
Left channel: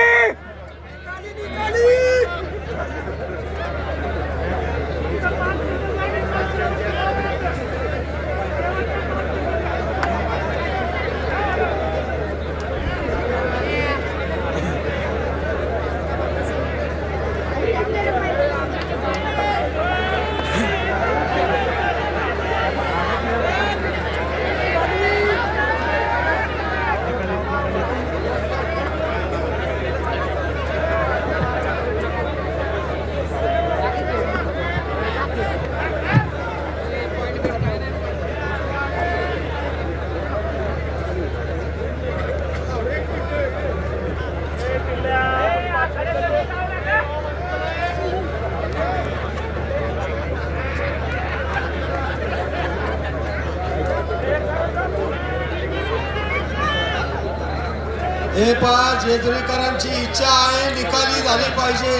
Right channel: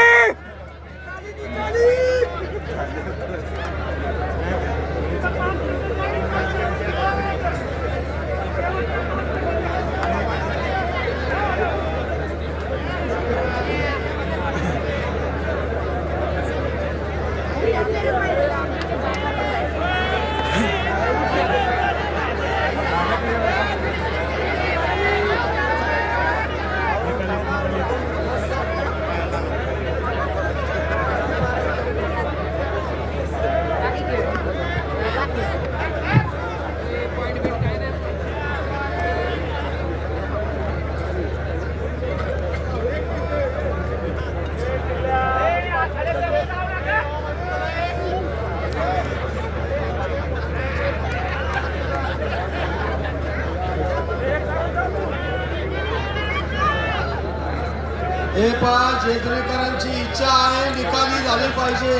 हे पाच जेजुरीकरांची इच्छा आहे, निकाली झाली पाहिजे.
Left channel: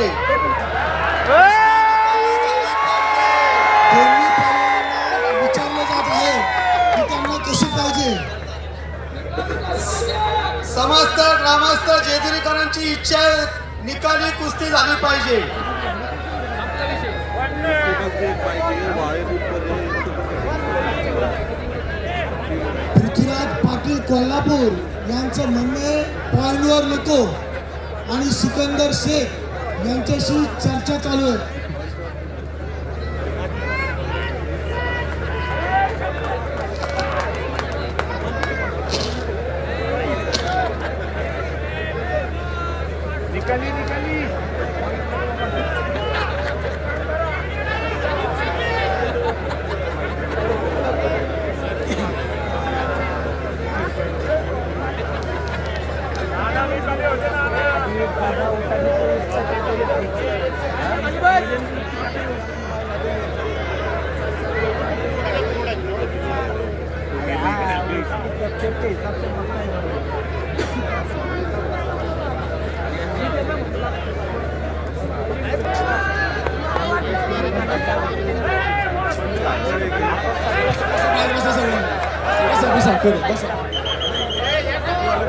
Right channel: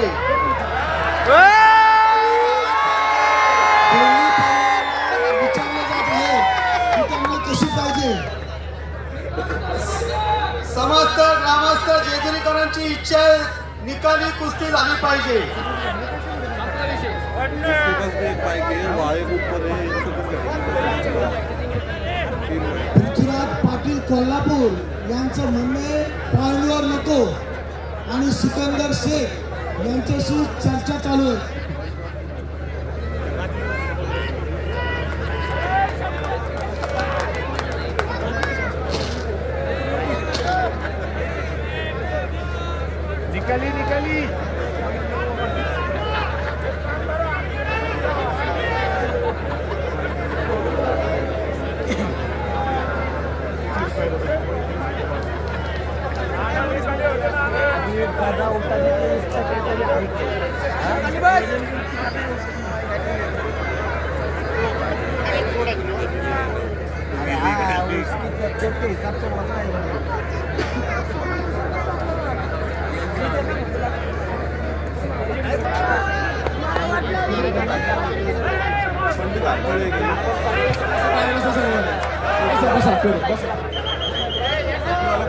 दोन्ही पैलवानांना विचारलं जात आहे की त्यांना कशी पाहिजे. समस्त ग्रामस्थ जेजुरीकरांची इच्छा आहे, निकाली कुस्ती झाली पाहिजे. पृथ्वीराज पाटील कोल्हापूर यांचं म्हणणे पॉईंटवर नको आणि सिकंदर शेख यांच्याशी चर्चा चालू आहे. निकाली निकाली.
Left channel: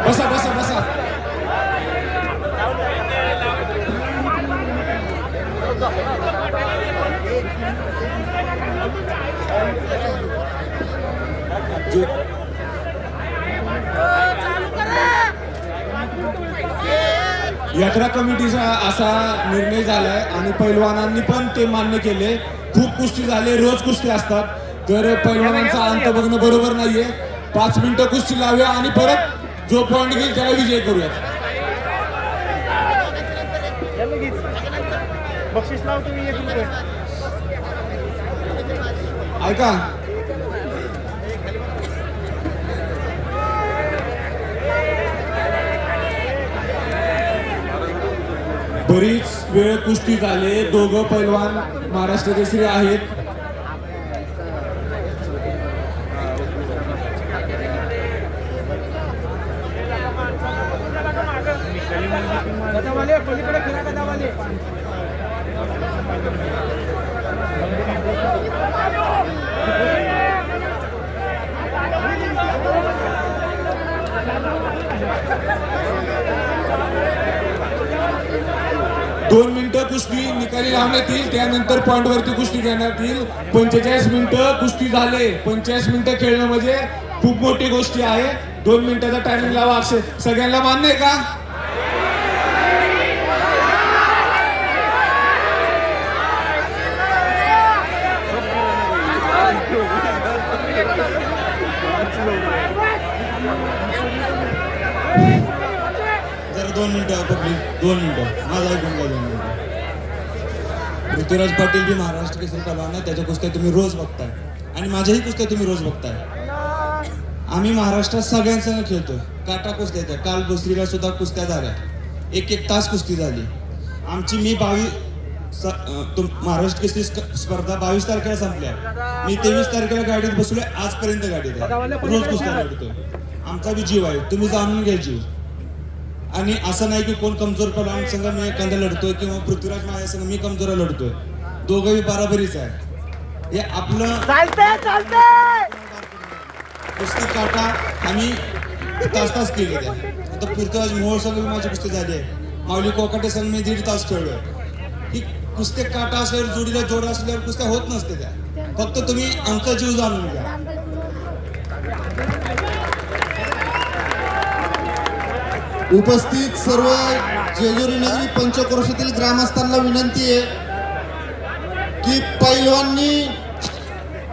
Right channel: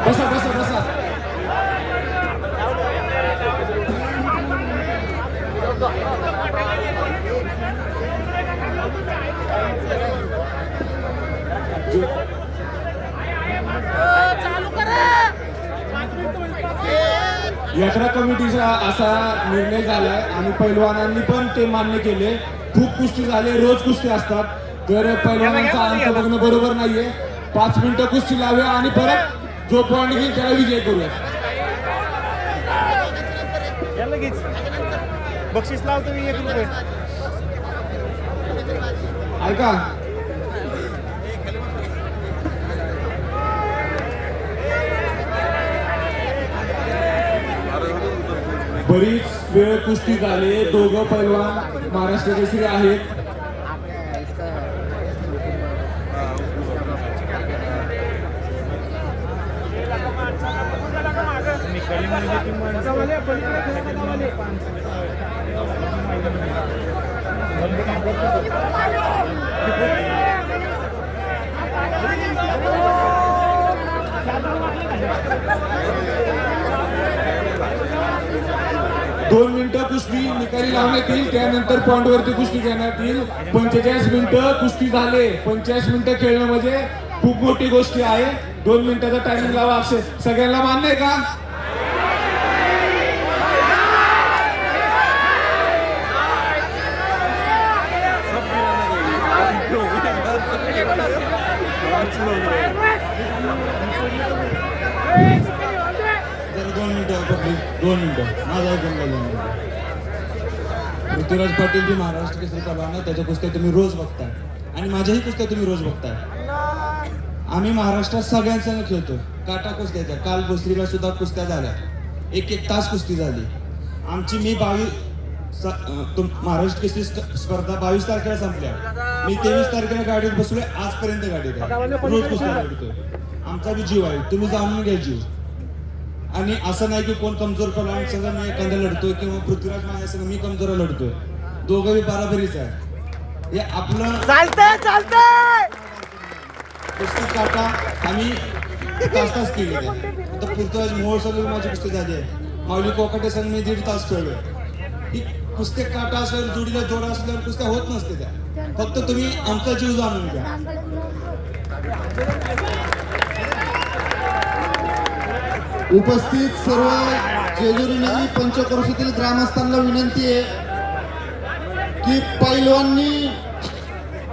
बसा बसा बसा. चालू करा. यात्रा कमिटीचा असा निर्णय झालाय आणि पैलवानांनी पण ते मान्य केले. खूप कुस्ती झाले, रोज कुस्ती असतात, तर पैलवानांचा अंत बघणं बरोबर नाहीये. 5 मिनिटं कुस्ती लावूया आणि परत जो पॉईंट घेईल त्याला विजय करूया. बक्षीस लावतो मी 1 रुपये. ऐका, बरीच वेळ कुस्ती झाली, दोघं पैलवान महाराष्ट्र केसरी आहेत. पलीकडे दोन मिनिटं कुस्ती निकाली लावण्यात येईल, त्यानंतर पॉइंट वरती कुस्ती घेण्यात येईल. 45 मिनिटं कुस्ती झाले. 45 मिनिटं खेळणं म्हणजे खूप मोठी गोष्ट आहे. 2 मिनिटाचा टायमिंग लावा असे सगळ्यांना मान्य आहे का? जरा 2 मिनिटं पब्लिक, 2 मिनिटं माझा ऐकून घ्या. 2 मिनिटं. ऋतुराज पाटील जी महाराष्ट्र केसरी पहलवान आहे, त्याच्या कुस्त्या तुम्ही रोज बघताय आणि माझ्याही कुस्त्या तुम्ही रोज बघताय. आम्ही महाराष्ट्रात सगळ्यांसंग खेळतो. काटा कुस्त्या त्या काल भोसरीला सुद्धा कुस्त्या झाल्या. 1-1 तास कुस्ती झाली आमची. मी महाराष्ट्र केसरी स्पर्धा 22 तारखेला संपल्या. मी 23 तारखेला गाडीत बसलोय, आजपर्यंत गाडीत आहे. रोज कुस्त्या लढतोय. आमचा बी जीव आहे, तुम्ही जाणून घ्या जीव. आणि असं नाही की कोण कमजोर पहलवान संघ मी एखादा लढतोय किंवा पृथ्वीराज माझ्या संघ मी कमजोर लढतोय. दोघंही बराबरीच आहे. हे आपलं चालतंय. कुस्ती काटा आम्ही तास केले. आता पृथ्वीराज मोहोळ संघ माझी कुस्ती झाली आहे. माऊली कोकाटे संघ मी 1.5 तास खेळलोय. ही कुस्ती काटा असल्यावर जोडीला जोडा असल्यावर कुस्त्या होत नसते त्या. फक्त तुम्ही आमचा जीव जाणून घ्या. उपस्थित सर्व जेजुरी नगरी पंचक्रोशीतील ग्रामस्थांना विनंती आहे की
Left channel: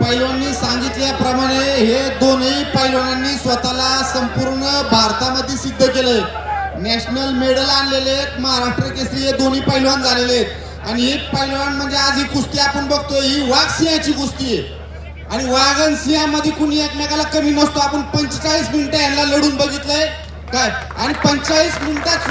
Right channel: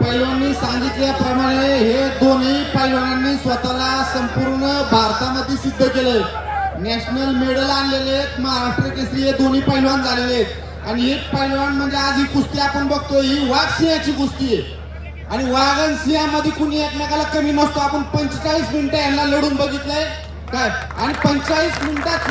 पैलवानांनी सांगितल्याप्रमाणे हे दोन्ही पैलवानांनी स्वतःला संपूर्ण भारतामध्ये सिद्ध केले. नॅशनल मेडल आणलेले आहेत. महाराष्ट्र केसरी हे दोन्ही पैलवान झालेले आहेत. आणि हे पैलवान म्हणजे आज ही कुस्ती आपण बघतोय, ही वाघ सिंहाची कुस्ती आहे. आणि वाघ आणि सिंहामध्ये कुणी एकमेकाला कमी नसतो. आपण 45 मिनिटं यांना लढून बघितलंय काय, आणि 45 मिनिटात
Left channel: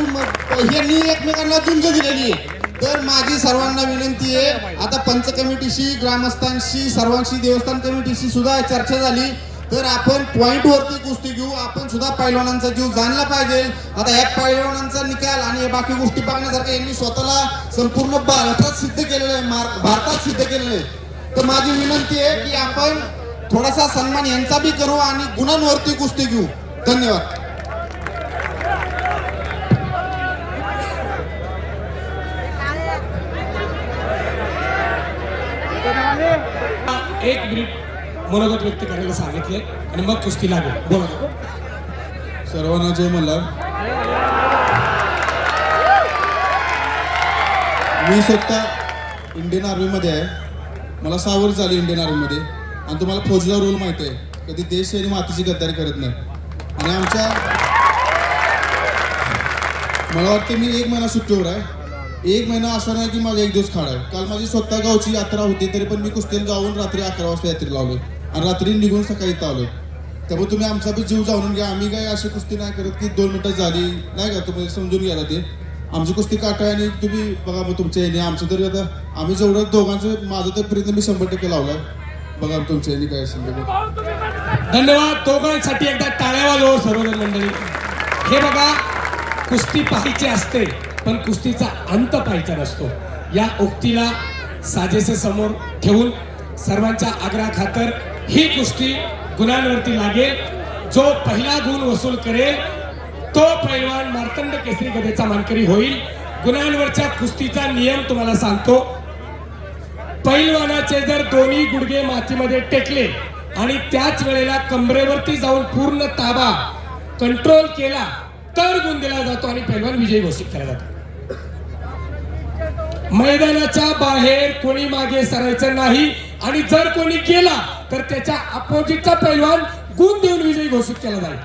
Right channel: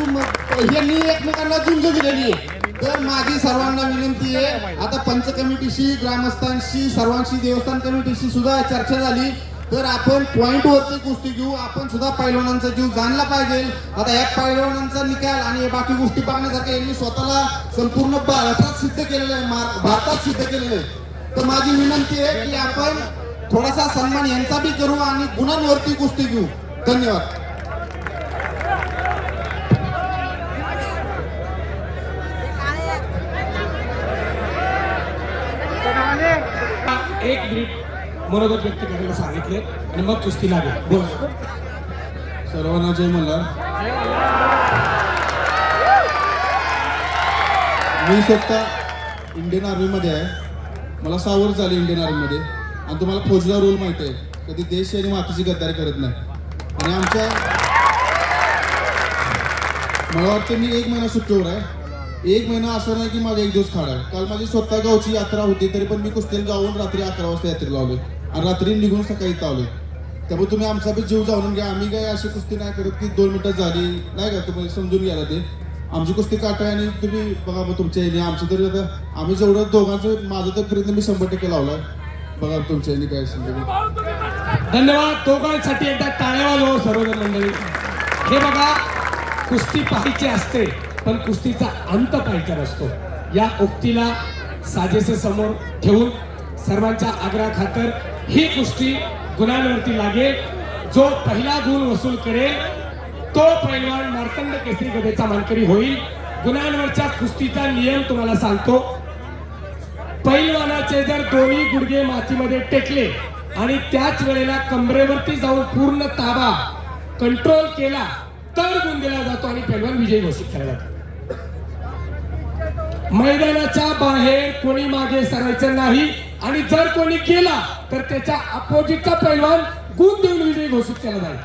यांनी एकमेकांना झुंज दिलेली आहे. तर माझी सर्वांना विनंती आहे, आता पंच कमिटीशी, ग्रामस्थांशी, सर्वांशी, देवस्थान कमिटीशी सुद्धा चर्चा झाली, तर आपण पॉइंट वरती कुस्ती घेऊ. आपण सुद्धा पैलवानांचा जीव जाणला पाहिजे. आता या पैलवानांचा निकाल आणि बाकी गोष्टी बघण्यासारख्या यांनी स्वतःला संपूर्ण भारतात सिद्ध केलेलं आहे, भारतात सिद्ध केलेलं आहे. तर माझी विनंती आहे की आपण थोडासा सन्मान यांचा बी करू आणि गुणांवरती कुस्ती घेऊ. धन्यवाद. एक मिनिट मनोगत व्यक्त करायला सांगितले आणि मग कुस्ती लागेल. बोला. सर्वांना जय मल्हार. मी स्वतः इंडियन आर्मीमध्ये आहे. मला 6 वर्ष झाली इंडियन आर्मीमध्ये. आणि तुम्हाला फौजला रोल माहिती आहे, कधी देश आणि मातीची गद्दारी करत नाही. आणि मला वाटतं मी 1 महिना सुट्टीवर आहे. 1 महिना असं नाही की माझा 1 दिवस खाडा आहे. काल माझी स्वतः गावची यात्रा होती, तरी पण मी कुस्तीला जाऊन रात्री 11 वाजता यात्रेला लावलो आणि रात्री निघून सकाळी इथं आलो. त्यामुळे तुम्ही आमचा बी जीव जाणून घ्या. आम्ही काही अशी कुस्ती नाही करत की 2 मिनिटं झाली नाही का, तुम्ही समजून घ्या. ते आमची कुस्ती काटा आहे आणि तुम्ही बघा मग तुमच्या याने आमचं तरी आता आम्ही जेवढं दोघांचं माझं तर प्रयत्न मी 100% लावला. बघा तुमच्या याने काय असेल. धन्यवाद. दोघांसाठी एकदा टाळ्या वाजवा सर्व मंडळी. हे बघा, कुस्ती पाहायची असते पण कुस्तीचा अंत पाहायचा नसतो. या उक्तीला साजेसे समोर ठेवून सर्वांच्या आग्रहाखातर ही कुस्ती गुणांवरती लागेल. जो पहिला गुण वसूल करेल तो पैलवान मार्तंड केसरी गदेचा मानकरी होईल. गुणांवरच्या कुस्तीचा नियम तुम्हाला सांगतो. पैलवानाचे जर दोन्ही गुडघे मातीमध्ये टेकले आणि त्याच वेळेला कमरेवरती जाऊन पूर्ण ताबा कंट्रोल केला तर गुण दिला जातो आणि पैलवान विजयी घोषित केला जातो. मैदानाच्या बाहेर कोणी मागे सरायचं नाही आणि जर कोणी गेला तर त्याच्या अपोजिटचा पैलवान गुण देऊन विजयी घोषित केला जाईल.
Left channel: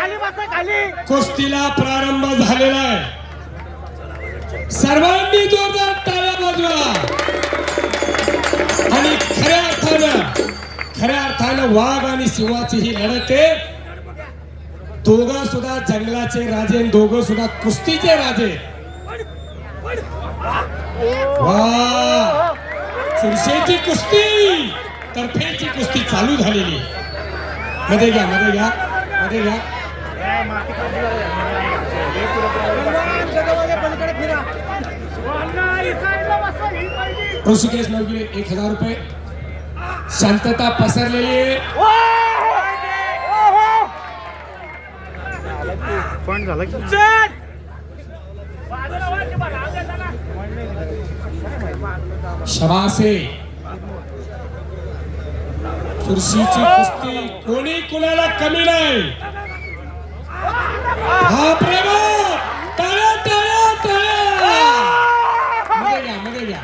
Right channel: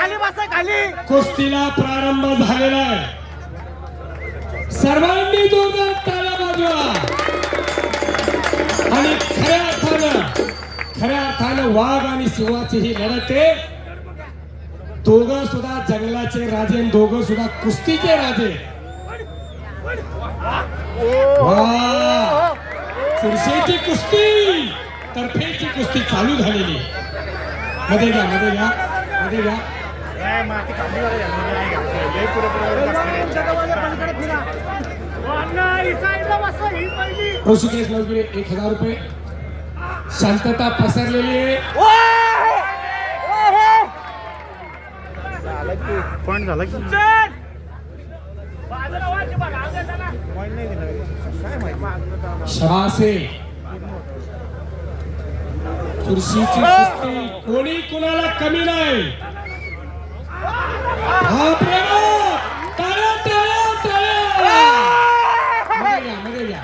खाली बसा खाली. कुस्तीला प्रारंभ झालेला आहे. सर्वांनी जोरदार टाळ्या वाजवा आणि खऱ्या अर्थानं वाघ आणि सिंहाची ही लढत आहे. दोघं सुद्धा जंगलाचे राजे आणि दोघं सुद्धा कुस्तीचे राजे. वा सुरशेची कुस्ती तर्फेची कुस्ती चालू झालेली. मध्ये घ्या मध्ये घ्या मध्ये घ्या. काय माती खाली वाले. लय पुढे पलीकडे फिरा. ऋषिकेश नवगिरे 1000 रुपये. शांतता पसरलेली आहे. पॉइंट झाला की शबासे चुरशीची कुस्ती कोणी कुणाला कमी नाही. हा प्रभाव टाळ्या टाळ्या टाळ्या. मध्ये घ्या.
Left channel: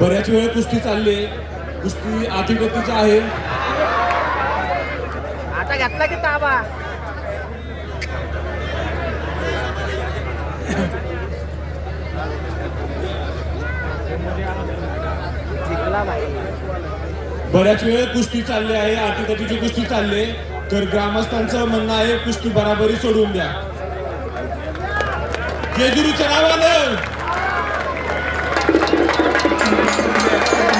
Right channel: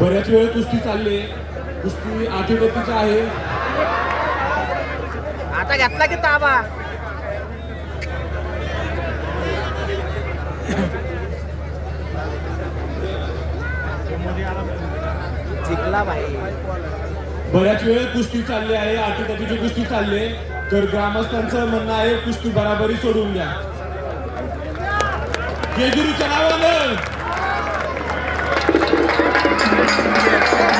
बऱ्याच वेळ कुस्ती चालली आहे. कुस्ती अतिगतीची आहे. आता घेतला की ताबा. जिंकला भाई. बऱ्याच वेळ कुस्ती चालली आहे. अतिगतीची कुस्ती चालली आहे. तर ग्रामस्थांचं म्हणणं आहे कुस्ती बराबरी सोडून द्या. जेजुरीच्या नावानं